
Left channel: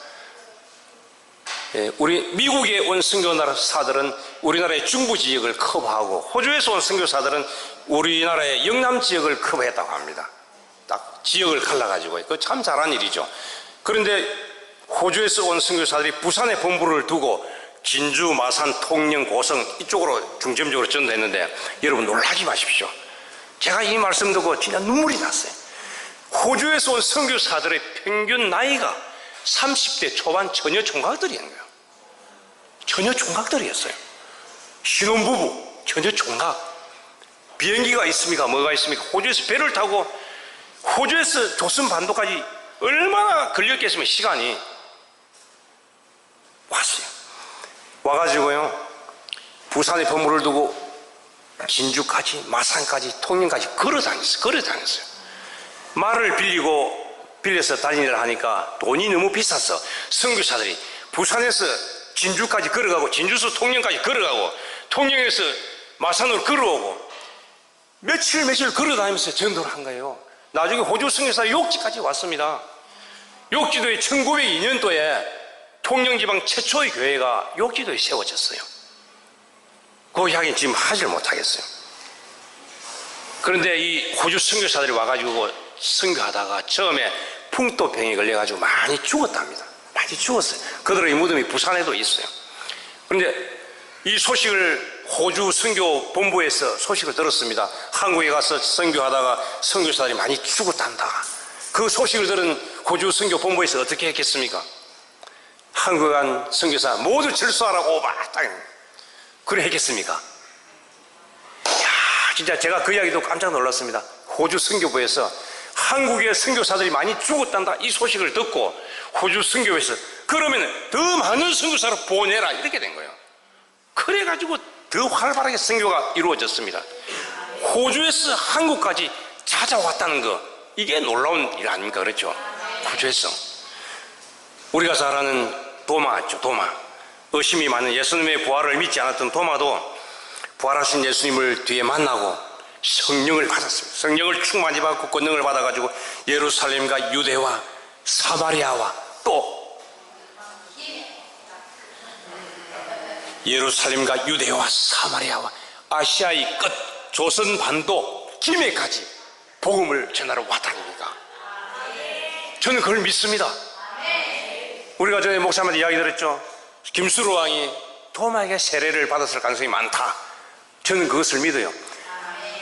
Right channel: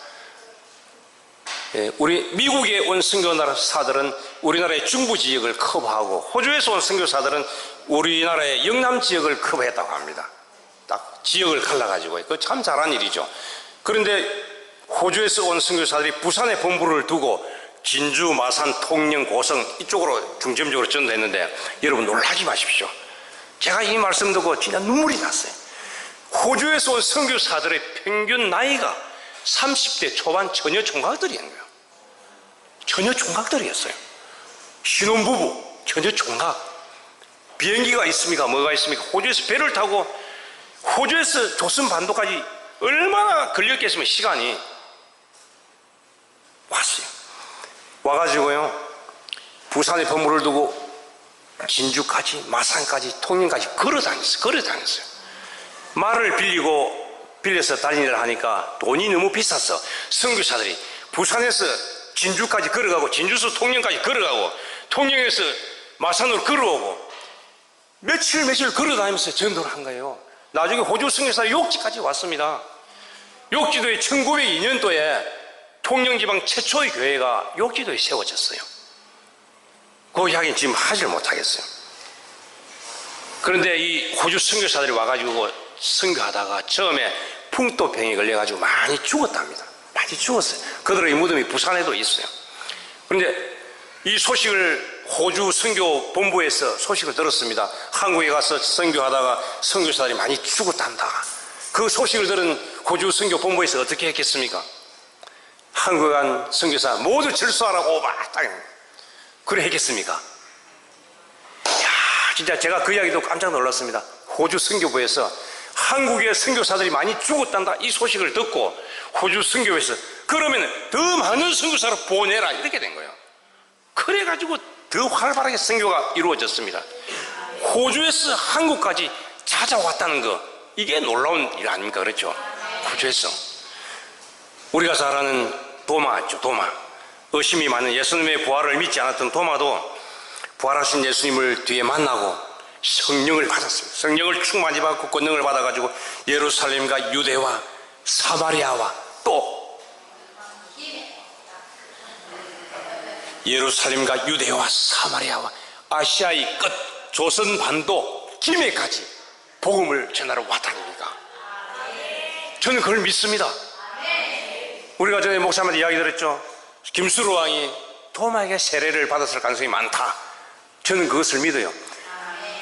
우리 미국에 온 선교사들은 우리나라의 중부 지역을 커버하고 호주에서 온 선교사들은 우리나라의 영남 지역을 커버했다고 합니다. 딱 지역을 갈라가지고 그거 참 잘한 일이죠. 그런데 호주에서 온 선교사들이 부산에 본부를 두고 진주, 마산, 통영, 고성 이쪽으로 중점적으로 전도했는데 여러분 놀라지 마십시오. 제가 이 말씀 듣고 진짜 눈물이 났어요. 호주에서 온 선교사들의 평균 나이가 30대 초반 처녀 총각들이었는 거예요. 처녀 총각들이었어요. 신혼부부, 처녀 총각. 비행기가 있습니까? 뭐가 있습니까? 호주에서 배를 타고 호주에서 조선반도까지 얼마나 걸렸겠으면 시간이 왔어요. 와가지고요 부산에 건물을 두고 진주까지 마산까지 통영까지 걸어 다녔어요. 말을 빌려서 다니느라 하니까 돈이 너무 비쌌어. 선교사들이 부산에서 진주까지 걸어가고 진주에서 통영까지 걸어가고 통영에서 마산으로 걸어오고 며칠 걸어 다니면서 전도를 한 거예요. 나중에 호주 선교사 욕지까지 왔습니다. 욕지도에 1902년도에 통영지방 최초의 교회가 욕지도에 세워졌어요. 그 이야기는 지금 하지를 못하겠어요. 그런데 이 호주 선교사들이 와가지고 선교하다가 처음에 풍토병에 걸려가지고 많이 죽었답니다. 많이 죽었어요. 그들의 무덤이 부산에도 있어요. 그런데 이 소식을 호주 선교 본부에서 소식을 들었습니다. 한국에 가서 선교하다가 선교사들이 많이 죽었단다. 그 소식을 들은 호주 선교 본부에서 어떻게 했겠습니까? 한국에 간 선교사 모두 철수하라고 딱 그래 했겠습니까? 이야, 진짜 제가 그 이야기도 깜짝 놀랐습니다. 호주 선교부에서 한국의 선교사들이 많이 죽었단다 이 소식을 듣고 호주 선교부에서 그러면 더 많은 선교사를 보내라 이렇게 된 거예요. 그래가지고 더 활발하게 선교가 이루어졌습니다. 호주에서 한국까지 찾아왔다는 거 이게 놀라운 일 아닙니까? 그렇죠? 호주에서 우리가 잘 아는 도마죠. 도마. 의심이 많은 예수님의 부활을 믿지 않았던 도마도 부활하신 예수님을 뒤에 만나고 성령을 받았습니다. 성령을 충만히 받고 권능을 받아가지고 예루살렘과 유대와 사마리아와 또 예루살렘과 유대와 사마리아와 아시아의 끝 조선 반도 김해까지 복음을 전하러 왔다니까. 저는 그걸 믿습니다. 우리가 전에 목사님한테 이야기 들었죠. 김수로 왕이 도마에게 세례를 받았을 가능성이 많다. 저는 그것을 믿어요.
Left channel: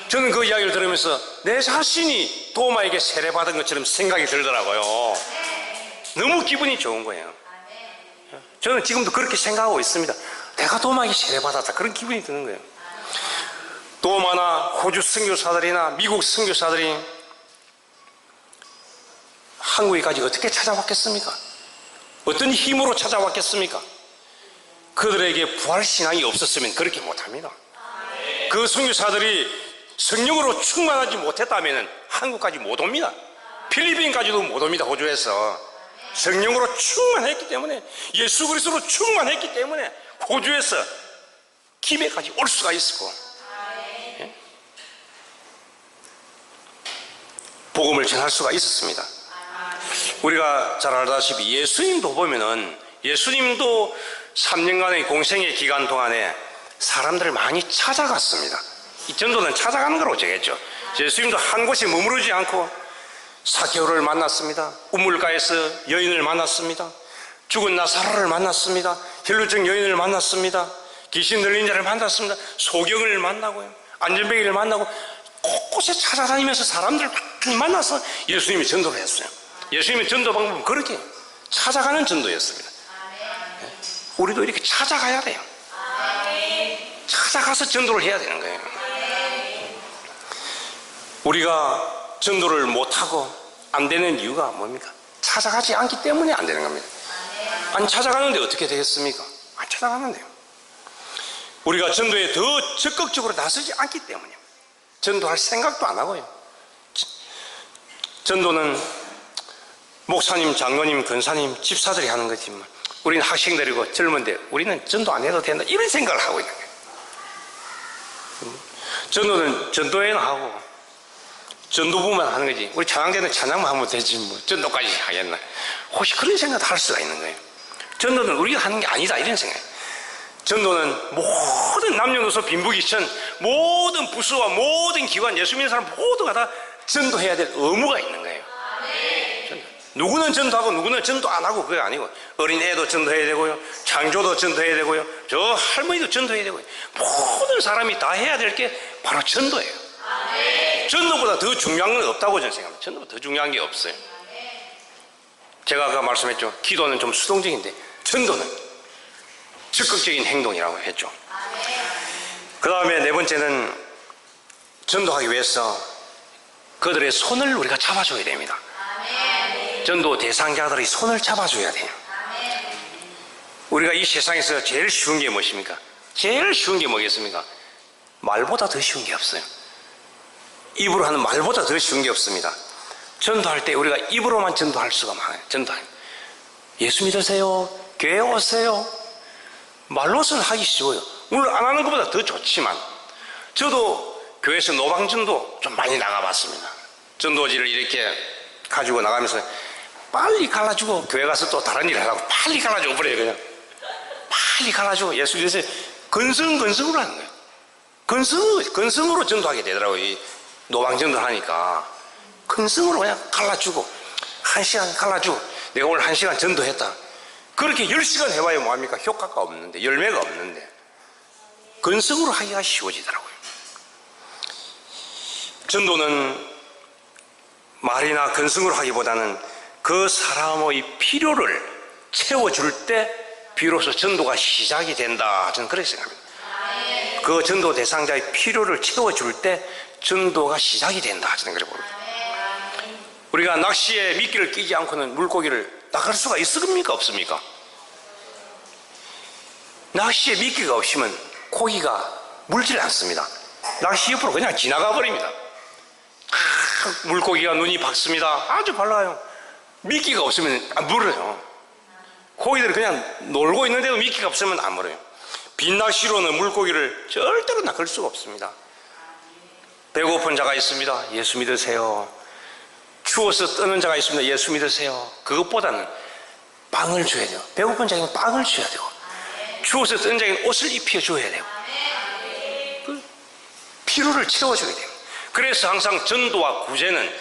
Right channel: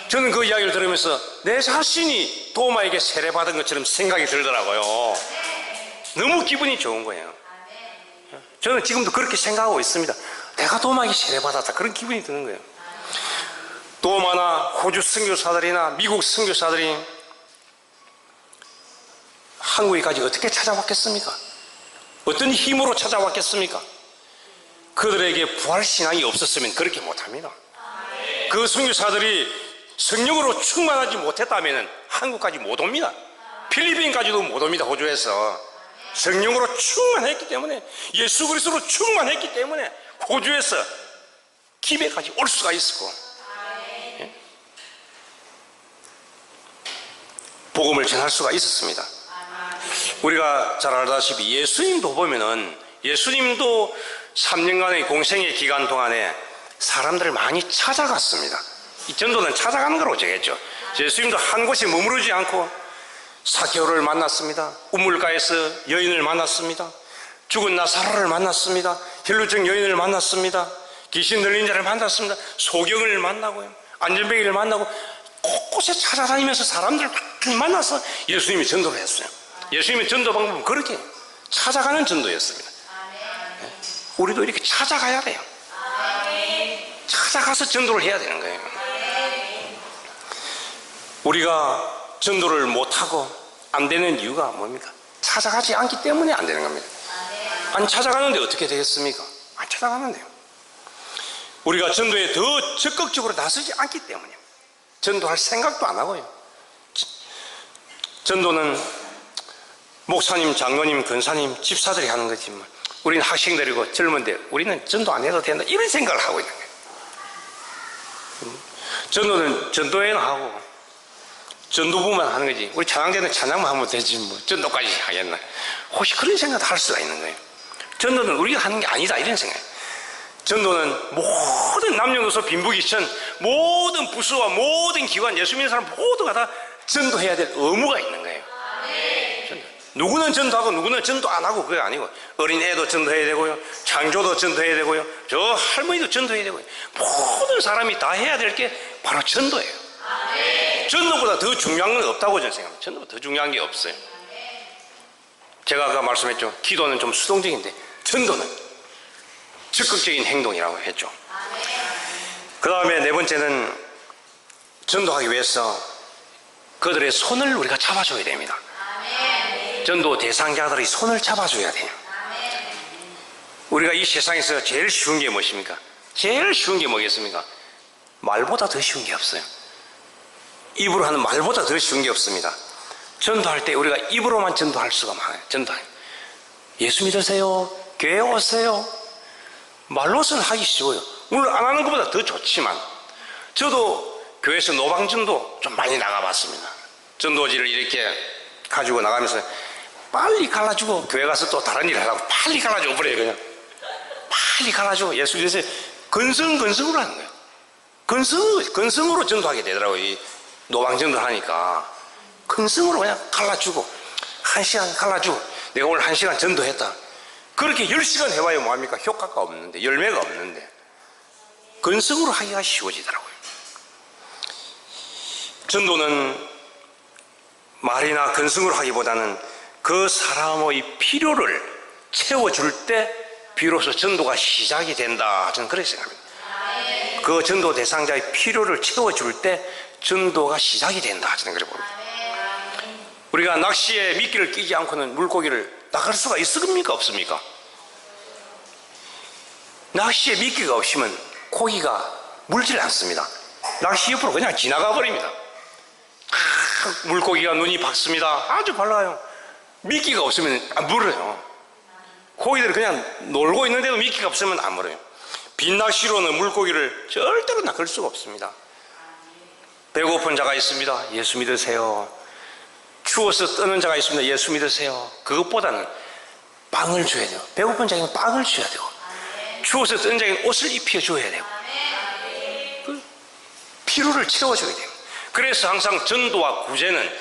저는 그 이야기를 들으면서 내 자신이 도마에게 세례받은 것처럼 생각이 들더라고요. 너무 기분이 좋은 거예요. 저는 지금도 그렇게 생각하고 있습니다. 내가 도마에게 세례받았다 그런 기분이 드는 거예요. 도마나 호주 선교사들이나 미국 선교사들이 한국에까지 어떻게 찾아왔겠습니까? 어떤 힘으로 찾아왔겠습니까? 그들에게 부활신앙이 없었으면 그렇게 못합니다. 그 선교사들이 성령으로 충만하지 못했다면 한국까지 못 옵니다. 필리핀까지도 못 옵니다. 호주에서 성령으로 충만했기 때문에 예수 그리스도로 충만했기 때문에 호주에서 김해까지 올 수가 있었고 복음을 전할 수가 있었습니다. 우리가 잘 알다시피 예수님도 보면은 예수님도 3년간의 공생의 기간 동안에 사람들을 많이 찾아갔습니다. 이 전도는 찾아가는 거라고 정했죠. 예수님도 한 곳에 머무르지 않고 사개오를 만났습니다. 우물가에서 여인을 만났습니다. 죽은 나사로를 만났습니다. 혈루증 여인을 만났습니다. 귀신 들린 자를 만났습니다. 소경을 만나고요, 안전뱅이를 만나고 곳곳에 찾아다니면서 사람들을 많이 만나서 예수님이 전도를 했어요. 예수님의 전도 방법은 그렇게 찾아가는 전도였습니다. 우리도 이렇게 찾아가야 돼요. 찾아가서 전도를 해야 되는 거예요. 우리가 전도를 못하고 안 되는 이유가 뭡니까? 찾아가지 않기 때문에 안 되는 겁니다. 안 찾아가는데 어떻게 되겠습니까? 안 찾아가는데요. 우리가 전도에 더 적극적으로 나서지 않기 때문에 전도할 생각도 안 하고요. 전도는 목사님, 장로님, 권사님, 집사들이 하는 거지만 우리는 학생들이고 젊은데 우리는 전도 안 해도 된다 이런 생각을 하고 있는 거예요. 전도는 전도회는 하고 전도부만 하는 거지, 우리 찬양대는 찬양만 하면 되지 뭐 전도까지 하겠나, 혹시 그런 생각도 할 수가 있는 거예요. 전도는 우리가 하는 게 아니다 이런 생각이에요. 전도는 모든 남녀노소 빈부귀천 모든 부서와 모든 기관, 예수 믿는 사람 모두가 다 전도해야 될 의무가 있는 거예요. 누구는 전도하고 누구는 전도 안 하고 그게 아니고, 어린애도 전도해야 되고요, 장조도 전도해야 되고요, 저 할머니도 전도해야 되고요, 모든 사람이 다 해야 될 게 바로 전도예요. 전도보다 더 중요한 건 없다고 저는 생각합니다. 전도보다 더 중요한 게 없어요. 제가 아까 말씀했죠. 기도는 좀 수동적인데 전도는 적극적인 행동이라고 했죠. 그 다음에 네 번째는 전도하기 위해서 그들의 손을 우리가 잡아줘야 됩니다. 전도 대상자들의 손을 잡아줘야 돼요. 우리가 이 세상에서 제일 쉬운 게 무엇입니까? 제일 쉬운 게 뭐겠습니까? 말보다 더 쉬운 게 없어요. 입으로 하는 말보다 더 쉬운 게 없습니다. 전도할 때 우리가 입으로만 전도할 수가 많아요. 전도할 예수 믿으세요, 교회 오세요, 말로서는 하기 쉬워요. 물론 안 하는 것보다 더 좋지만, 저도 교회에서 노방전도 좀 많이 나가봤습니다. 전도지를 이렇게 가지고 나가면서 빨리 갈라주고 교회 가서 또 다른 일을 하라고 빨리 갈라주고 그래요. 그냥 빨리 갈라주고 예수 믿으세요 건성으로 하는 거예요. 건성으로 전도하게 되더라고요. 이 노방전도 하니까 근성으로 그냥 갈라주고, 1시간 갈라주고, 내가 오늘 1시간 전도했다, 그렇게 10시간 해봐야 뭐합니까? 효과가 없는데, 열매가 없는데, 근성으로 하기가 쉬워지더라고요. 전도는 말이나 근성으로 하기보다는 그 사람의 필요를 채워줄 때 비로소 전도가 시작이 된다, 저는 그렇게 생각합니다. 그 전도 대상자의 필요를 채워줄 때 전도가 시작이 된다, 저는 그렇게 봅니다. 우리가 낚시에 미끼를 끼지 않고는 물고기를 나갈 수가 있습니까? 없습니까? 낚시에 미끼가 없으면 고기가 물질 않습니다. 낚시 옆으로 그냥 지나가 버립니다. 물고기가 눈이 밝습니다. 아주 밝아요. 미끼가 없으면 안 물어요. 고기들은 그냥 놀고 있는데도 미끼가 없으면 안 물어요. 빈낚시로는 물고기를 절대로 낚을 수가 없습니다. 배고픈 자가 있습니다. 예수 믿으세요. 추워서 떠는 자가 있습니다. 예수 믿으세요. 그것보다는 빵을 줘야 돼요. 배고픈 자에게는 빵을 줘야 되고, 추워서 떠는 자에게는 옷을 입혀줘야 돼요. 그 필요를 채워줘야 돼요. 그래서 항상 전도와 구제는,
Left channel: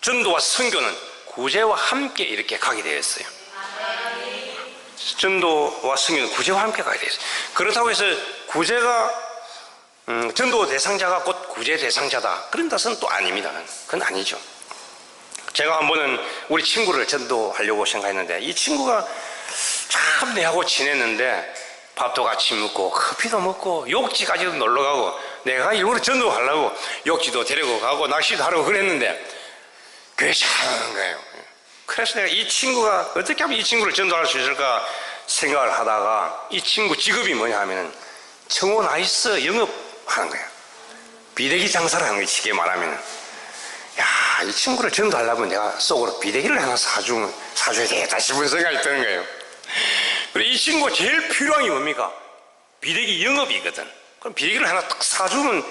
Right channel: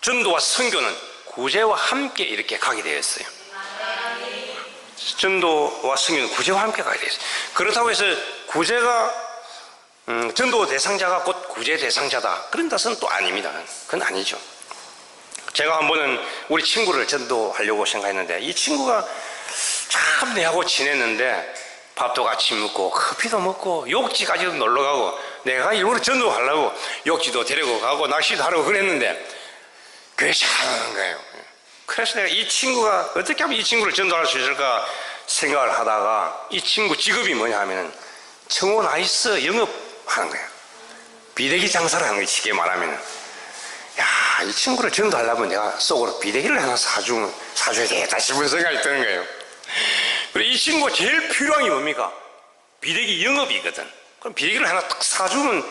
전도와 선교는 구제와 함께 이렇게 가게 되어 있어요. 전도와 선교는 구제와 함께 가게 되어 있어요. 그렇다고 해서 구제가 전도 대상자가 곧 구제 대상자다, 그런 뜻은 또 아닙니다. 그건 아니죠. 제가 한 번은 우리 친구를 전도하려고 생각했는데, 이 친구가 참 내하고 지냈는데 밥도 같이 먹고 커피도 먹고 욕지까지도 놀러가고, 내가 일부러 전도하려고 욕지도 데리고 가고 낚시도 하려고 그랬는데 그게 잘하는 거예요. 그래서 내가 이 친구가 어떻게 하면 이 친구를 전도할 수 있을까 생각을 하다가, 이 친구 직업이 뭐냐 하면 청원 아이스 영업하는 거예요. 비대기 장사를 하는 거예요. 쉽게 말하면, 야, 이 친구를 전도하려면 내가 속으로 비대기를 하나 사줘야 되겠다 싶은 생각이 드는 거예요. 그리고 이 친구가 제일 필요한 게 뭡니까? 비대기 영업이거든. 그럼 비대기를 하나 딱 사주면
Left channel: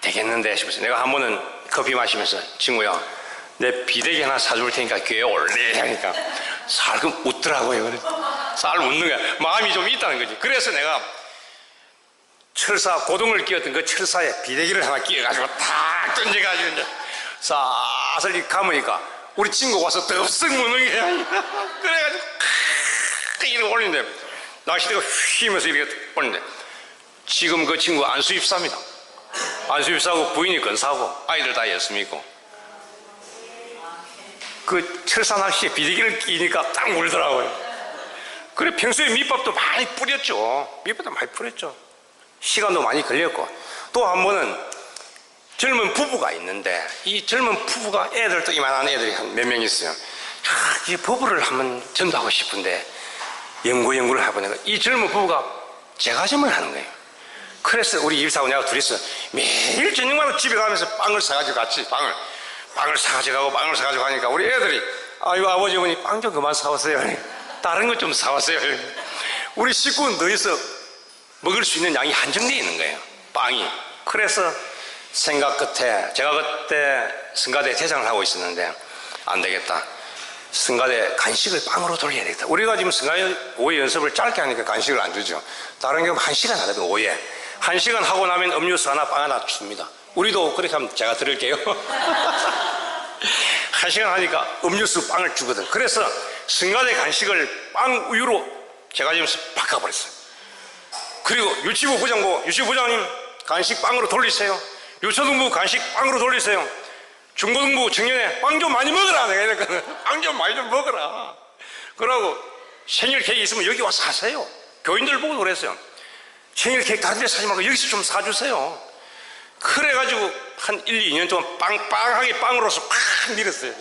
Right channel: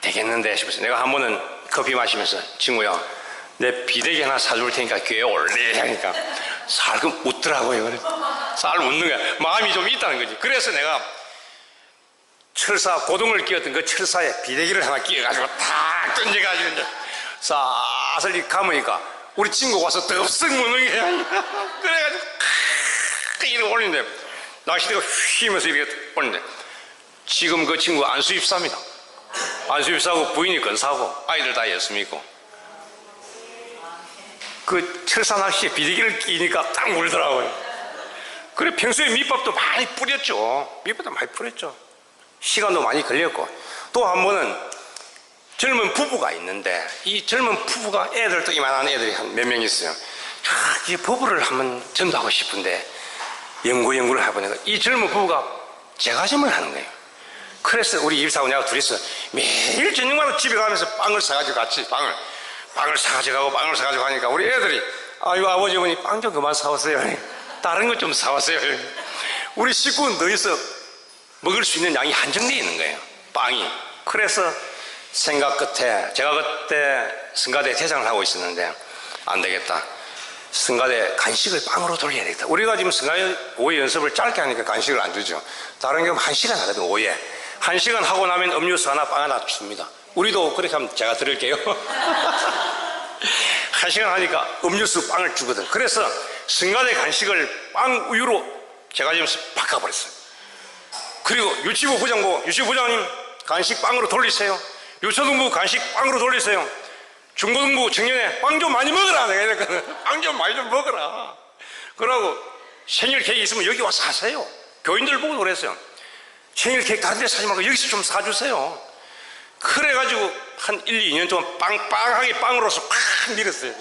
되겠는데 싶어서, 내가 한 번은 커피 마시면서 친구야, 내 비대기 하나 사줄 테니까 교회 올래 하니까 살금 웃더라고요. 살 웃는 거야. 마음이 좀 있다는 거지. 그래서 내가 철사 고동을 끼웠던 그 철사에 비대기를 하나 끼워가지고 탁 던져가지고 이제 사슬 감으니까 우리 친구가 와서 덥석 무는 거야. 그래가지고 이렇게 올리는데 낚시대가 휘면서 이렇게 올리는데 지금 그 친구 안수입사입니다. 안수입사하고 부인이 건사하고 아이들 다 예수 믿고 그 철사 낚시에 비대기를 끼니까 딱 물더라고요. 그래 평소에 밑밥도 많이 뿌렸죠. 밑밥도 많이 뿌렸죠. 시간도 많이 걸렸고 또 한 번은 젊은 부부가 있는데 이 젊은 부부가 애들도 이만한 애들이 한 몇 명 있어요. 이 부부를 한번 전도하고 싶은데 연구를 해보니까 이 젊은 부부가 제과점을 하는 거예요. 그래서 우리 입사하고 내가 둘이서 매일 저녁마다 집에 가면서 빵을 사가지고 같이 빵을 사가지고 가고 빵을 사가지고 가니까 우리 애들이 아이고 아버지 어머니 빵 좀 그만 사오세요. 다른 것 좀 사왔어요. 우리 식구는 더 있어 먹을 수 있는 양이 한정되어 있는 거예요. 빵이. 그래서 생각 끝에 제가 그때 성가대 대장을 하고 있었는데 안 되겠다. 성가대 간식을 빵으로 돌려야 되겠다. 우리가 지금 성가대 오해 연습을 짧게 하니까 간식을 안 주죠. 다른 경우 1시간 하거든. 오해 1시간 하고 나면 음료수 하나 빵 하나 줍니다. 우리도 그렇게 하면 제가 드릴게요. 1시간 하니까 음료수 빵을 주거든. 그래서 성가대 간식을 빵 우유로 제가 지금 바꿔버렸어요. 그리고 유치부 부장고 유치부장님 간식 빵으로 돌리세요. 유초등부 간식 빵으로 돌리세요. 중고등부 청년회 빵 좀 많이 먹어라. 내가 이랬거든. 빵 좀 많이 좀 먹어라. 그러고 생일 케이크 있으면 여기 와서 사세요. 교인들 보고 그랬어요. 생일 케이크 다른 데 사지 말고 여기서 좀 사주세요. 그래가지고 한 1, 2년 동안 빵빵하게 빵으로서 팍 밀었어요.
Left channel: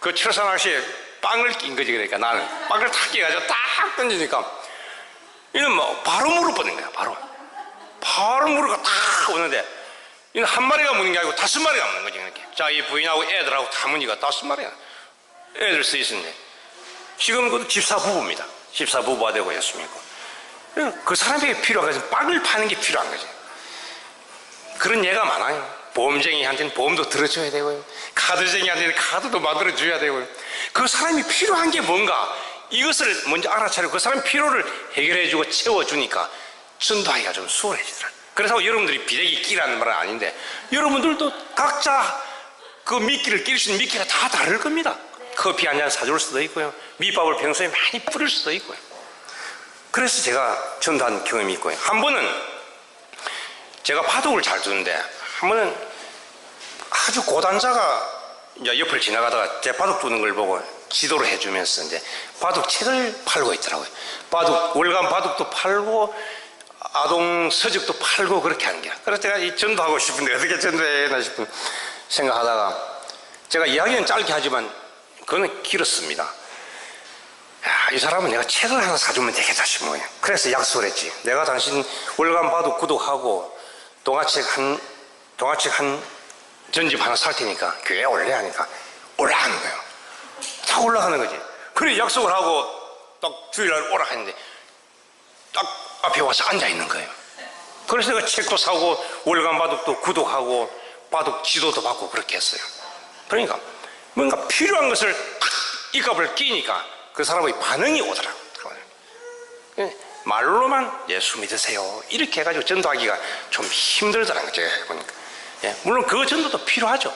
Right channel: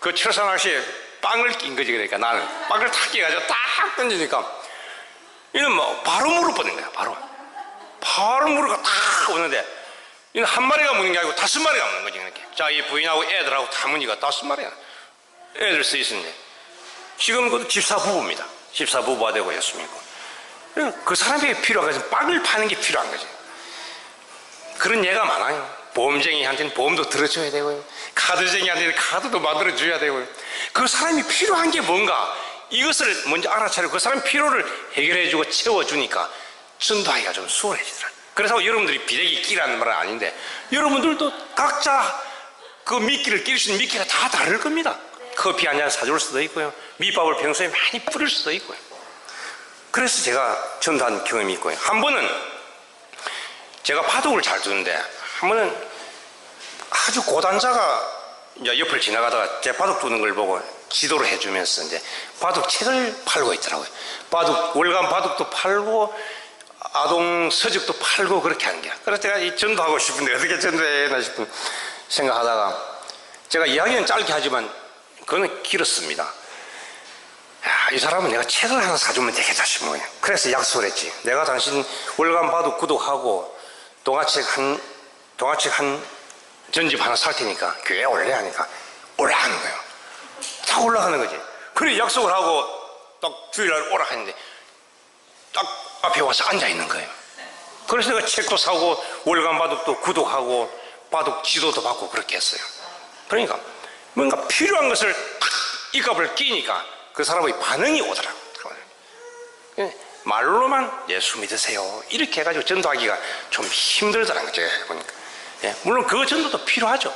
그 철사낚시에 빵을 낀 거지. 그러니까 나는 빵을 탁 끼가지고 딱 던지니까 이는 뭐 바로 무릎 뻗는 거야. 바로 무릎가 딱 오는데 이는 한 마리가 무는 게 아니고 5마리가 무는 거지. 이렇게. 자, 이 부인하고 애들하고 다 무니까 5마리가 애들 써 있었는데 지금 그 집사 부부입니다. 집사 부부가 되고 예수 믿고 그 사람에게 필요한 것은 빵을 파는 게 필요한 거지. 그런 예가 많아요. 보험쟁이한테는 보험도 들어줘야 되고요. 카드쟁이한테는 카드도 만들어줘야 되고요. 그 사람이 필요한 게 뭔가 이것을 먼저 알아차리고 그 사람 필요를 해결해주고 채워주니까 전도하기가 좀 수월해지더라고요. 그래서 여러분들이 비대기 끼라는 말은 아닌데 여러분들도 각자 그 미끼를 끼를 수 있는 미끼가 다 다를 겁니다. 커피 한 잔 사줄 수도 있고요. 밑밥을 평소에 많이 뿌릴 수도 있고요. 그래서 제가 전도한 경험이 있고요. 한 번은 제가 바둑을 잘 두는데 한 번은 아주 고단자가 이제 옆을 지나가다가 제 바둑 두는 걸 보고 지도를 해주면서 이제 바둑 책을 팔고 있더라고요. 월간 바둑도 팔고 아동 서적도 팔고 그렇게 하는 거야. 그래서 제가 이 전도하고 싶은데 어떻게 전도해야 싶은 생각하다가 제가 이야기는 짧게 하지만 그거는 길었습니다. 야, 이 사람은 내가 책을 하나 사주면 되겠다 싶은 거예요. 그래서 약속을 했지. 내가 당신 월간 바둑 구독하고 동화책 한 전집 하나 살 테니까 교회에 올래 하니까 올라가는 거예요. 다 올라가는 거지. 그래 약속을 하고 딱 주일날 오라 했는데 딱 앞에 와서 앉아 있는 거예요. 그래서 내가 책도 사고 월간 바둑도 구독하고 바둑 지도도 받고 그렇게 했어요. 그러니까 뭔가 필요한 것을 탁 이 값을 끼니까 그 사람의 반응이 오더라고요. 말로만 예수 믿으세요 이렇게 해가지고 전도하기가 좀 힘들더라고요. 제가 해보니까. 예, 물론 그 전도도 필요하죠.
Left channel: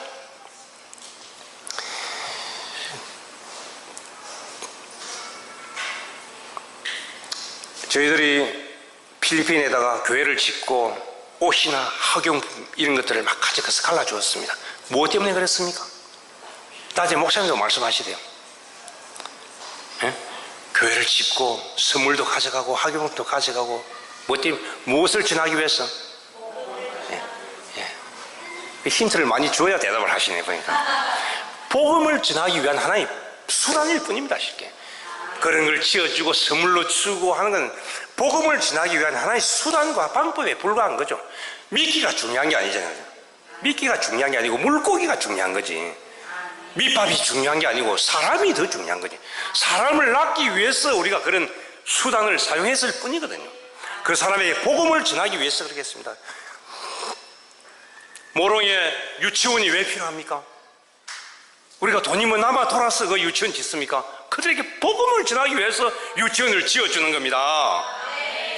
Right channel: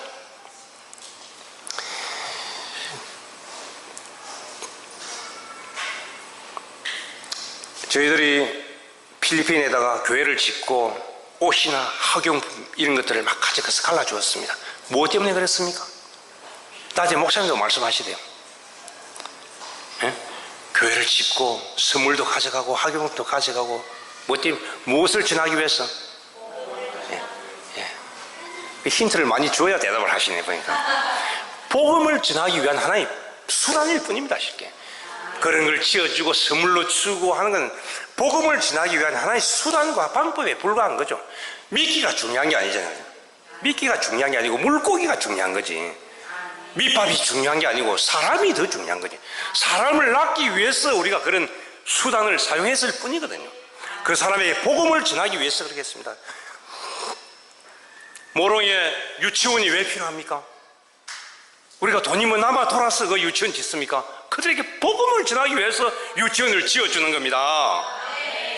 저희들이 필리핀에다가 교회를 짓고 옷이나 학용품 이런 것들을 막 가져가서 갈라주었습니다. 무엇 때문에 그랬습니까? 낮에 목사님도 말씀하시대요. 예? 교회를 짓고 선물도 가져가고 학용품도 가져가고 무엇을 전하기 위해서? 예. 예. 힌트를 많이 줘야 대답을 하시네 보니까. 복음을 전하기 위한 하나의 수단일 뿐입니다. 쉽게 그런 걸 지어주고 선물로 주고 하는 건 복음을 전하기 위한 하나의 수단과 방법에 불과한 거죠. 미끼가 중요한 게 아니잖아요. 미끼가 중요한 게 아니고 물고기가 중요한 거지. 밑밥이 중요한 게 아니고 사람이 더 중요한 거지. 사람을 낳기 위해서 우리가 그런 수단을 사용했을 뿐이거든요. 그 사람에게 복음을 전하기 위해서 그러겠습니다. 모롱에 유치원이 왜 필요합니까? 우리가 돈이 뭐 남아 돌아서 그 유치원 짓습니까? 그들에게 복음을 전하기 위해서 유치원을 지어주는 겁니다.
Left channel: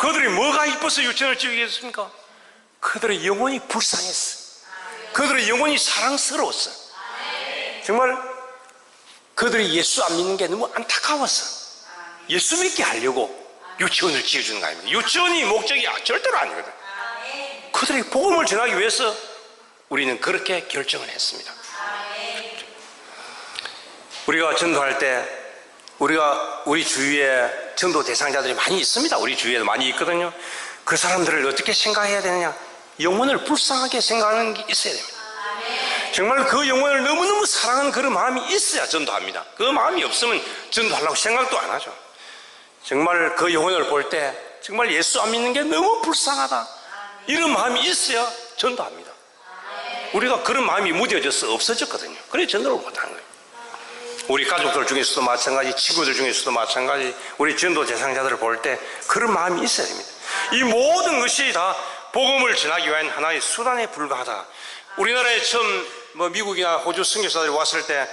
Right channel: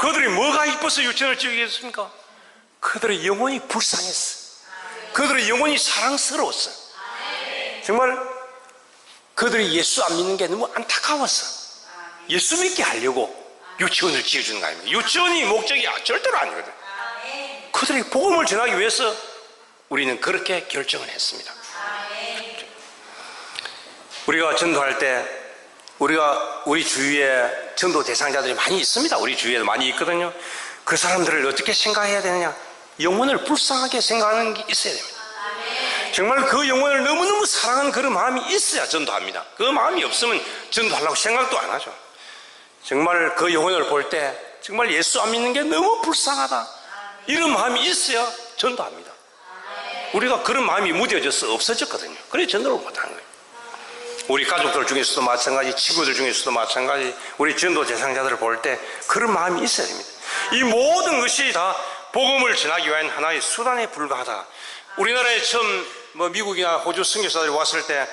그들이 뭐가 이뻐서 유치원을 지으겠습니까? 그들의 영혼이 불쌍했어. 그들의 영혼이 사랑스러웠어. 정말 그들이 예수 안 믿는 게 너무 안타까웠어. 예수 믿게 하려고 유치원을 지어주는 거 아닙니까? 유치원이 목적이 절대로 아니거든. 그들이 복음을 전하기 위해서 우리는 그렇게 결정을 했습니다. 우리가 전도할 때 우리 주위에 전도 대상자들이 많이 있습니다. 우리 주위에도 많이 있거든요. 그 사람들을 어떻게 생각해야 되느냐? 영혼을 불쌍하게 생각하는 게 있어야 됩니다. 정말 그 영혼을 너무너무 사랑하는 그런 마음이 있어야 전도합니다. 그 마음이 없으면 전도하려고 생각도 안 하죠. 정말 그 영혼을 볼 때 정말 예수 안 믿는 게 너무 불쌍하다, 이런 마음이 있어야 전도합니다. 우리가 그런 마음이 무뎌져서 없어졌거든요. 그래서 전도를 못하는 거예요. 우리 가족들 중에서도 마찬가지, 친구들 중에서도 마찬가지, 우리 전도 대상자들을 볼 때 그런 마음이 있어야 됩니다. 이 모든 것이 다 복음을 전하기 위한 하나의 수단에 불과하다. 우리나라에 처음 미국이나 호주 선교사들이 왔을 때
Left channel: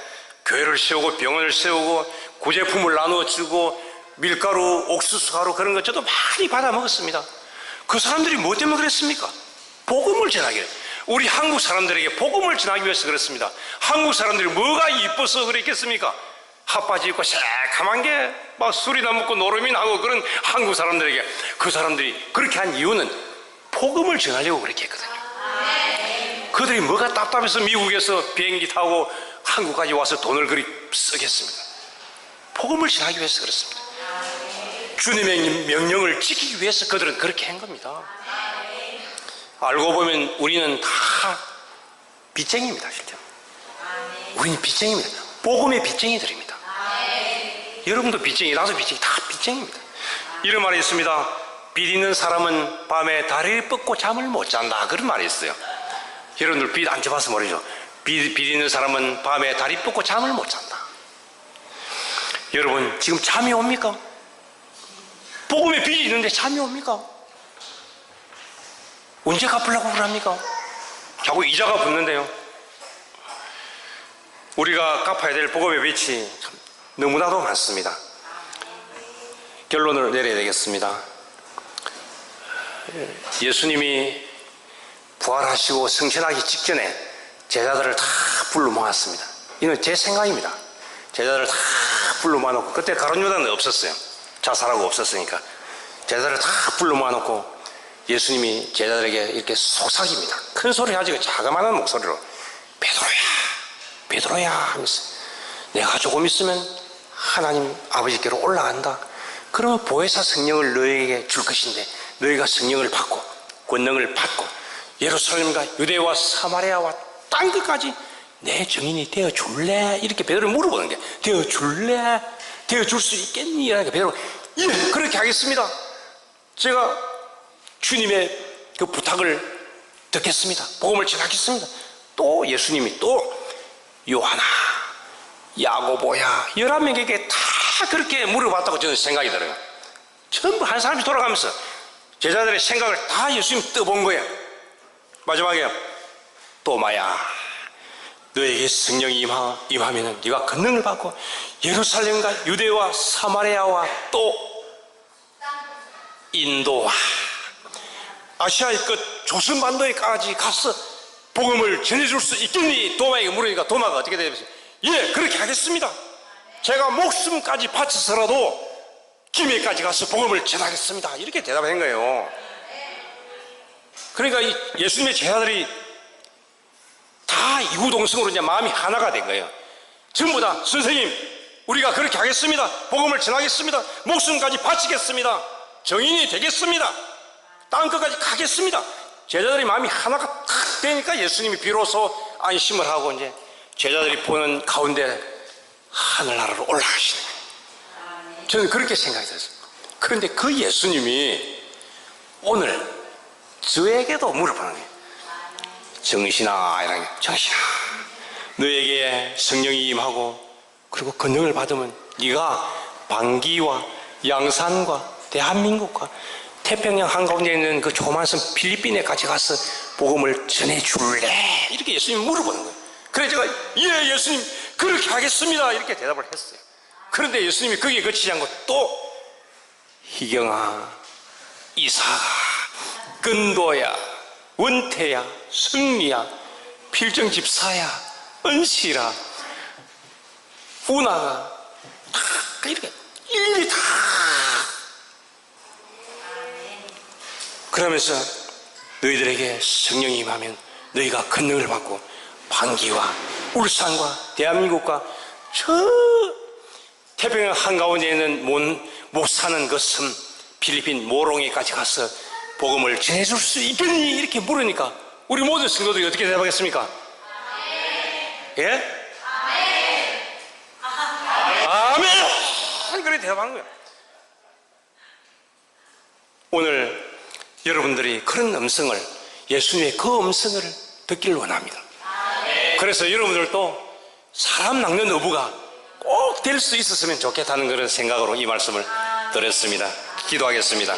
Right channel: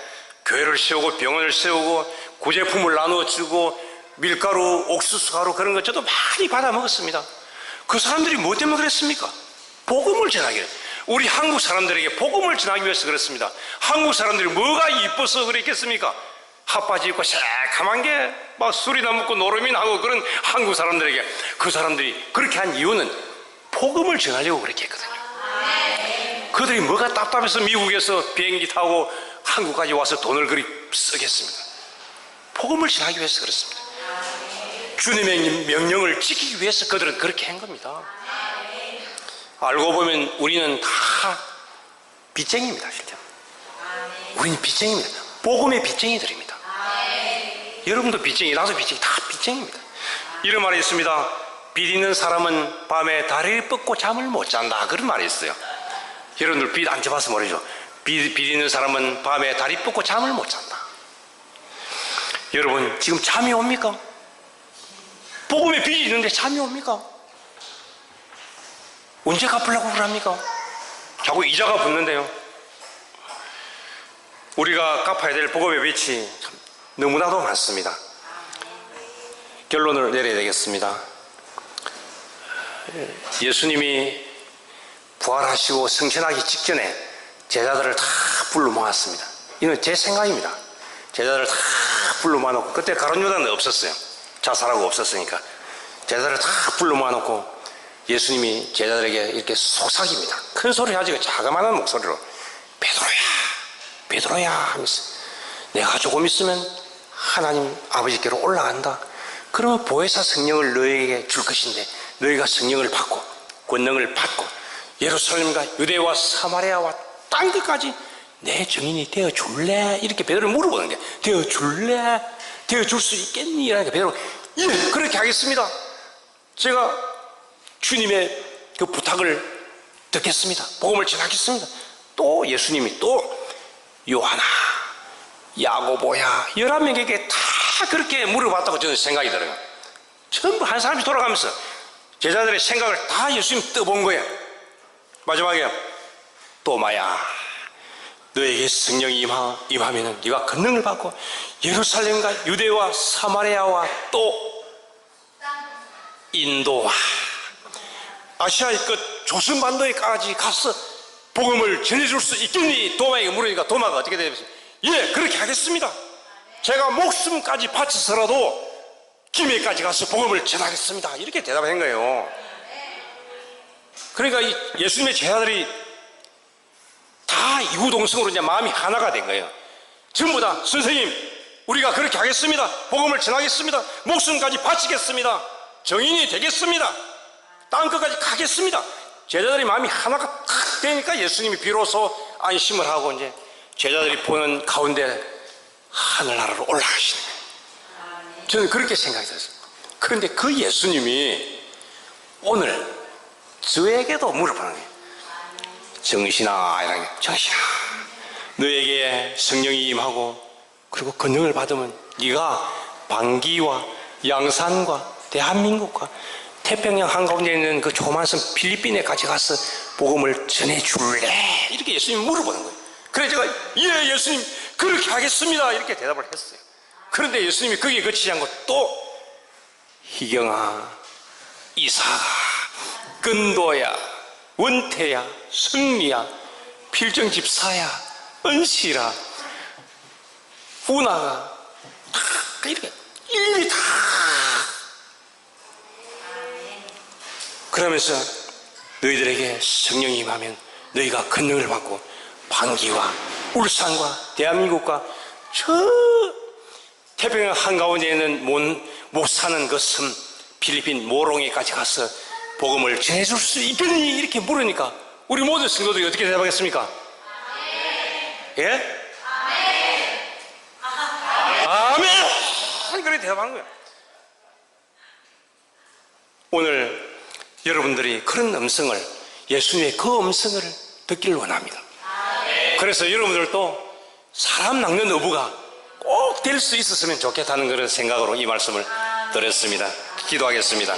교회를 세우고 병원을 세우고 구제품을 나누어 주고 밀가루, 옥수수 가루, 그런 것 저도 많이 받아 먹었습니다. 그 사람들이 뭐 때문에 그랬습니까? 복음을 전하기 위해. 우리 한국 사람들에게 복음을 전하기 위해서 그렇습니다. 한국 사람들이 뭐가 이뻐서 그랬겠습니까? 핫바지 입고 새카만 게 막 술이나 먹고 노름이나 하고 그런 한국 사람들에게, 그 사람들이 그렇게 한 이유는 복음을 전하려고 그렇게 했거든요. 그들이 뭐가 답답해서 미국에서 비행기 타고 한국까지 와서 돈을 그리 쓰겠습니다. 복음을 전하기 위해서 그렇습니다. 주님의 명령을 지키기 위해서 그들은 그렇게 한 겁니다. 알고 보면 우리는 다 빚쟁이입니다. 실제 우리는 빚쟁이입니다. 복음의 빚쟁이들입니다. 여러분도 빚쟁이, 나도 빚쟁이, 다 빚쟁이입니다. 이런 말이 있습니다. 빚 있는 사람은 밤에 다리를 뻗고 잠을 못 잔다, 그런 말이 있어요. 여러분들 빚 안 져봐서 모르죠. 빚 있는 사람은 밤에 다리 뻗고 잠을 못 잔다. 여러분 지금 잠이 옵니까? 복음에 빚이 있는데 잠이 옵니까? 언제 갚으려고 그럽니까? 자꾸 이자가 붙는데요. 우리가 갚아야 될 복음의 빚이 너무나도 많습니다. 결론을 내려야 되겠습니다. 예수님이 부활하시고 승천하기 직전에 제자들을 다 불러 모았습니다. 이건 제 생각입니다. 제자들을 다 불러 모아놓고, 그때 가룟 요단은 없었어요. 자살하고 없었으니까. 제자들을 다 불러 모아놓고 예수님이 제자들에게 이렇게 속삭입니다. 큰 소리 하지, 자그마한 목소리로 베드로야, 베드로야 하면서, 내가 조금 있으면 하나님 아버지께로 올라간다. 그러면 보혜사 성령을 너에게 줄 것인데 너희가 성령을 받고 권능을 받고 예루살렘과 유대와 사마리아와 땅 끝까지 내 증인이 되어줄래? 이렇게 베드로를 물어보는 게, 되어줄래? 되어줄 수 있겠니? 이러니까 베드로가 예, 그렇게 하겠습니다. 제가 주님의 그 부탁을 듣겠습니다. 복음을 전하겠습니다. 또 예수님이 또 요하나, 야고보야, 11명에게 다 그렇게 물어봤다고 저는 생각이 들어요. 전부 한 사람씩 돌아가면서 제자들의 생각을 다 예수님 떠본 거예요. 마지막에 또마야, 너에게 성령이 임하면 네가 권능을 받고 예루살렘과 유대와 사마리아와 또 인도와 아시아의 끝 조선반도에까지 가서 복음을 전해줄 수 있겠니? 도마에게 물으니까 도마가 어떻게 되겠어요? 예, 그렇게 하겠습니다. 제가 목숨까지 바쳐서라도 김해까지 가서 복음을 전하겠습니다. 이렇게 대답한 거예요. 그러니까 이 예수님의 제자들이 다 이구동성으로 이제 마음이 하나가 된 거예요. 전부 다 선생님, 우리가 그렇게 하겠습니다. 복음을 전하겠습니다. 목숨까지 바치겠습니다. 정인이 되겠습니다. 땅끝까지 가겠습니다. 제자들이 마음이 하나가 탁 되니까 예수님이 비로소 안심을 하고 이제 제자들이 보는 가운데 하늘나라로 올라가시는 거예요. 저는 그렇게 생각이 들었어요. 그런데 그 예수님이 오늘 저에게도 물어보는 거예요. 정신아, 이런 게, 정신아, 너에게 성령이 임하고 그리고 권능을 받으면 네가 방기와 양산과 대한민국과 태평양 한가운데 있는 그 조그만 섬 필리핀에까지 가서 복음을 전해줄래? 이렇게 예수님이 물어보는 거예요. 그래서 제가 예, 예수님 그렇게 하겠습니다, 이렇게 대답을 했어요. 그런데 예수님이 거기에 그치지 않고 또 희경아, 이사가, 근도야, 원태야, 승리야, 필정집사야, 은실아, 우나가 다 이렇게 일일이 다 그러면서 너희들에게 성령이 임하면 너희가 권능을 받고 방기와 울산과 대한민국과 저 태평양 한가운데 있는 못 사는 그 섬 필리핀 모롱이까지 가서 복음을 전해줄 수 있겠니? 이렇게 물으니까 우리 모든 성도들이 어떻게 대답하겠습니까? 예? 아멘! 그래 대답하는 거야. 오늘 여러분들이 그런 음성을, 예수님의 그 음성을 듣기를 원합니다. 그래서 여러분들도 사람 낚는 어부가 꼭 될 수 있었으면 좋겠다는 그런 생각으로 이 말씀을 드렸습니다. 기도하겠습니다.